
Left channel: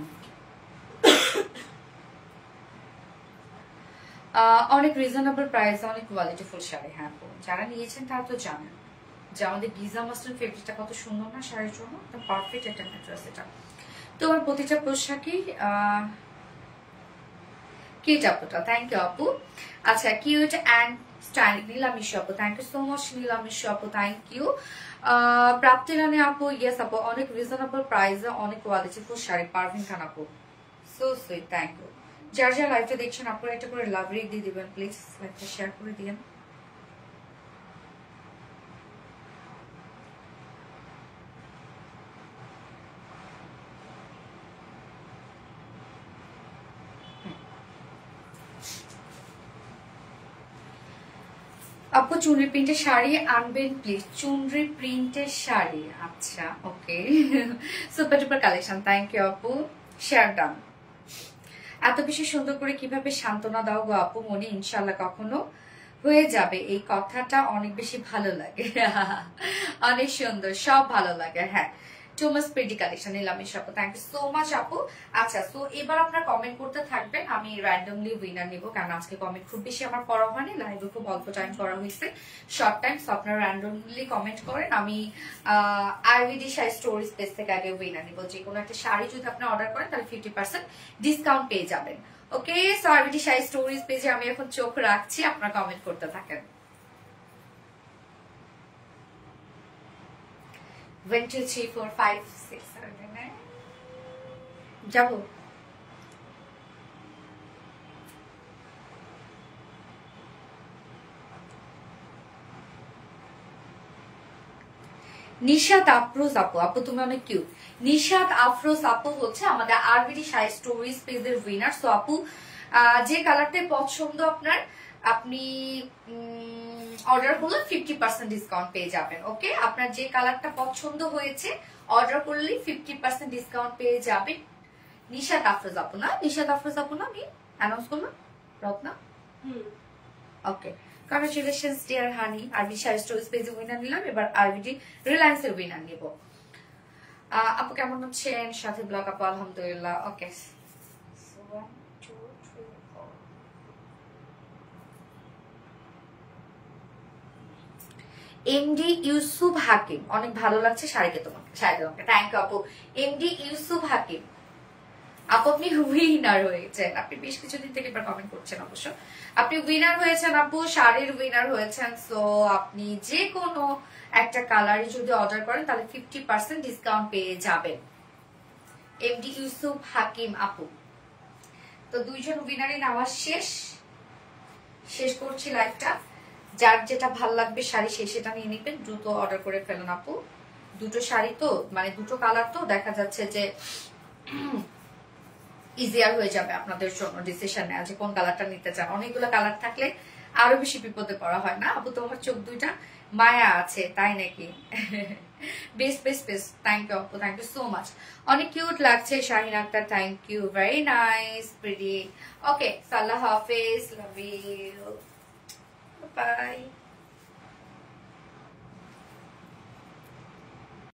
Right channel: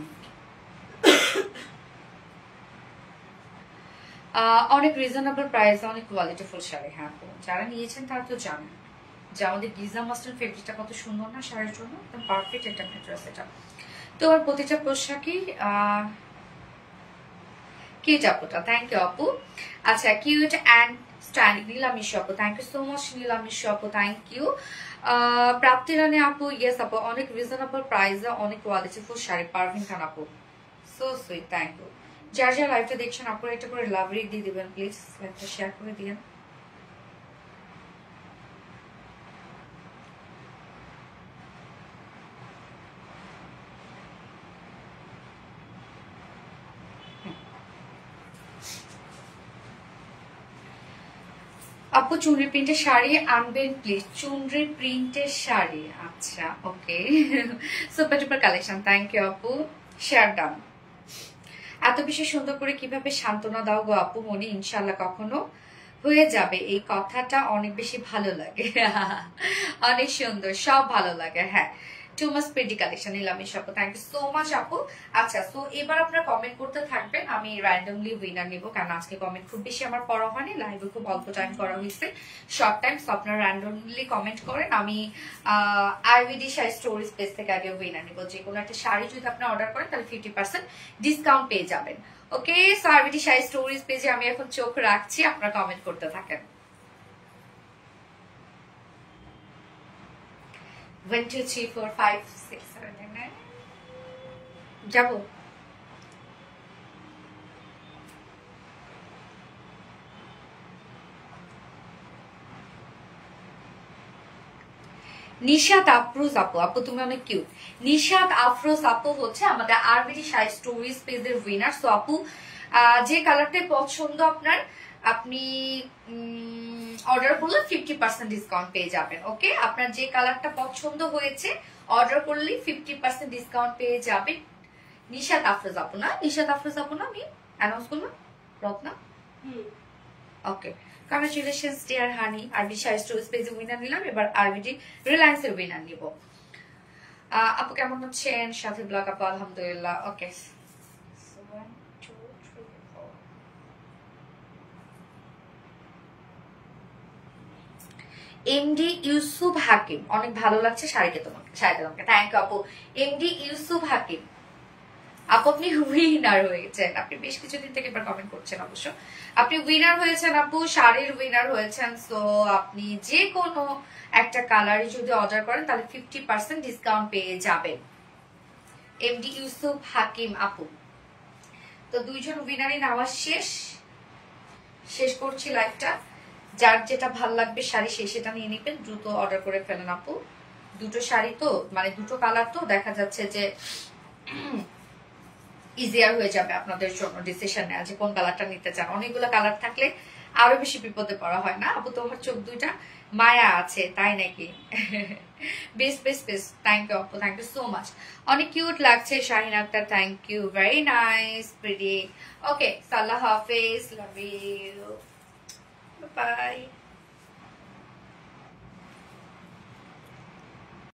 অনেক রিজনেবল প্রাইস, অনেক কোয়ালিটিফুল শাড়ি। হ্যাঁ আপু, যারা নিয়েছেন তারা তো জানেন যে আমাদের গিজা মাস্টার ফেব্রিকটা কত সুন্দর না শাড়ির জন্য, একদম পারফেক্ট একটা ম্যাটেরিয়াল এটা। তোমার প্রতিটা পোশাকই কিউট আপুটা, থ্যাংক ইউ আপু। আচ্ছা, কিউট অ্যান্ড স্টাইলিশ নীলামিশ আপু, থ্যাংক ইউ সো মাচ নীলামিশ আপু, থ্যাংক ইউ। প্রাপ্তি রানী আপু, ইয়েস আপু, অনেক রিজনেবল প্রাইসে অনেক কোয়ালিটিফুল শাড়ি। পারভিন খান আপু, সো সুইট, থ্যাংক ইউ। যার যার লাইভটা দেখছেন আপনারা একটা করে লাভ রেট দিয়ে দিবেন প্লিজ, লাইভটা শেয়ার করে দিন। আপু চুনরি প্রিন্টের শাড়ি আনবেন প্লিজ, চুনরি প্রিন্টের শাড়ি। আচ্ছা okay, super duper collection, thank you আপু, শেয়ার ডান। এত বেশি সুন্দর করে কিভাবে সান্ত্বনা দাও গো আপু, মনে ইনশাল্লাহ কখনো হয়ে যাবে, এই কথাটা অনেক বেশি ভালো লাগে। অনেক সুন্দর, সব ভালো লাগে। হ্যাঁ, টু মাস প্রিটি কালেকশন নিলামিশ আপু, থ্যাংক ইউ সো মাচ আপু। আচ্ছা, সো এবার আপনারা কমেন্ট করতে থাকবেন, আমি র্যান্ডমলি উইনার নিব, কারণ আজকে কমেন্ট খুব বেশি আমার পড়া হয়নি, লাইভে খুব অল্প টাইম করা হয়েছে, শর্ট টাইম। সো আপনারা র্যান্ডমলি কমেন্ট করেন, আমি আইভিডি শাড়ি স্টোরি স্পেস থেকে আগে উইনার নিব। যে কোনো একটা শাড়ি যদি আপনি অর্ডার করেন তাহলে 50% ডিসকাউন্ট পেয়ে যাবেন। ওকে, সো আইভিডি শাড়ি স্টোরিজ পেজে আমি এখন চোখ রাখছি, আপনারা কমেন্ট করতে থাকেন। 1 2 3 4 5 6 7 8 9 যাবো। নিশাত আফরোজ আপু, আপু তুমি অনেক কিউট। নিশাত আফরোজ আপু হচ্ছে আমাদের আরবিডি শাড়ি স্টোরিজ পেজের উইনার। সো আপু, যে কালারটাই পছন্দ আপনার, আপনি অর্ডার করলে 50% ডিসকাউন্ট পেয়ে যাবেন। ওকে, আপনার যে কালারটা পছন্দ হয়েছে অর্ডার করলে 50% ডিসকাউন্ট পেয়ে যাবেন। নিশাত আফরোজ আপু না, নিশাত আফরোজ আপু না, আমি অ্যানাউন্স করলাম রত্না। ওকে, congratulations dear honey, RBD sari stories পেজে উইনার নিলাম, এবার আরবিডি রিলায়েন্স এর উইনার নিব। আপু কেমন আছেন? সাথে ব্লগ আপু, আলহামদুলিল্লাহ। ওকে, এমডি ইউসুফ হাকিম, অনেক ভালো লাগছে শাড়িটা তোমাকে, শাড়িটা তোমাকে, থ্যাংক ইউ আপু। এমডি ইউসুফ হাকিম আপু, আপনি উইনার হয়েছেন, আপনি বেশ কিছুদিন থেকে এবার কমেন্ট করছেন, অবশ্য আপনি উইনার হয়েছেন আপু, শাড়ির উইনার হয়েছেন। সো আপনি যে কোনো একটা কালারে যদি অর্ডার করেন তাহলে 50% ডিসকাউন্ট পেয়ে যাবেন। এমডি ইউসুফ হাকিম আপু, তো দুইজন উইনারই নেওয়া শেষ করছি লাইভটা। যার যেটা ভাল লাগবে শাড়ি, সেটা নিয়ে নিবেন, দ্রুত অর্ডার করে ফেলেন আপু, দুটো শাড়ি তো মানে দুটো কালার তো দেখা যাচ্ছে যে ইজিয়ার হয়ে যাবে আপনাদের জন্য ডিসিশন নেওয়া যে কোন কালারটা নিতে চান। অনেকগুলো কালার থাকলে আরো বেশি বিপদে পড়া হয় না। আপু তোমার চোখ দুইটা মায়া আছে তাই নাকি? বেশ বেশ বেশ, থ্যাংক ইউ আপু, থ্যাংক ইউ সো মাচ। অনেক কিউট লাগছে Shahin Akter, thank you, very nice pretty. Okay, আল্লাহ হাফেজ, লাভ ইউ, বাই।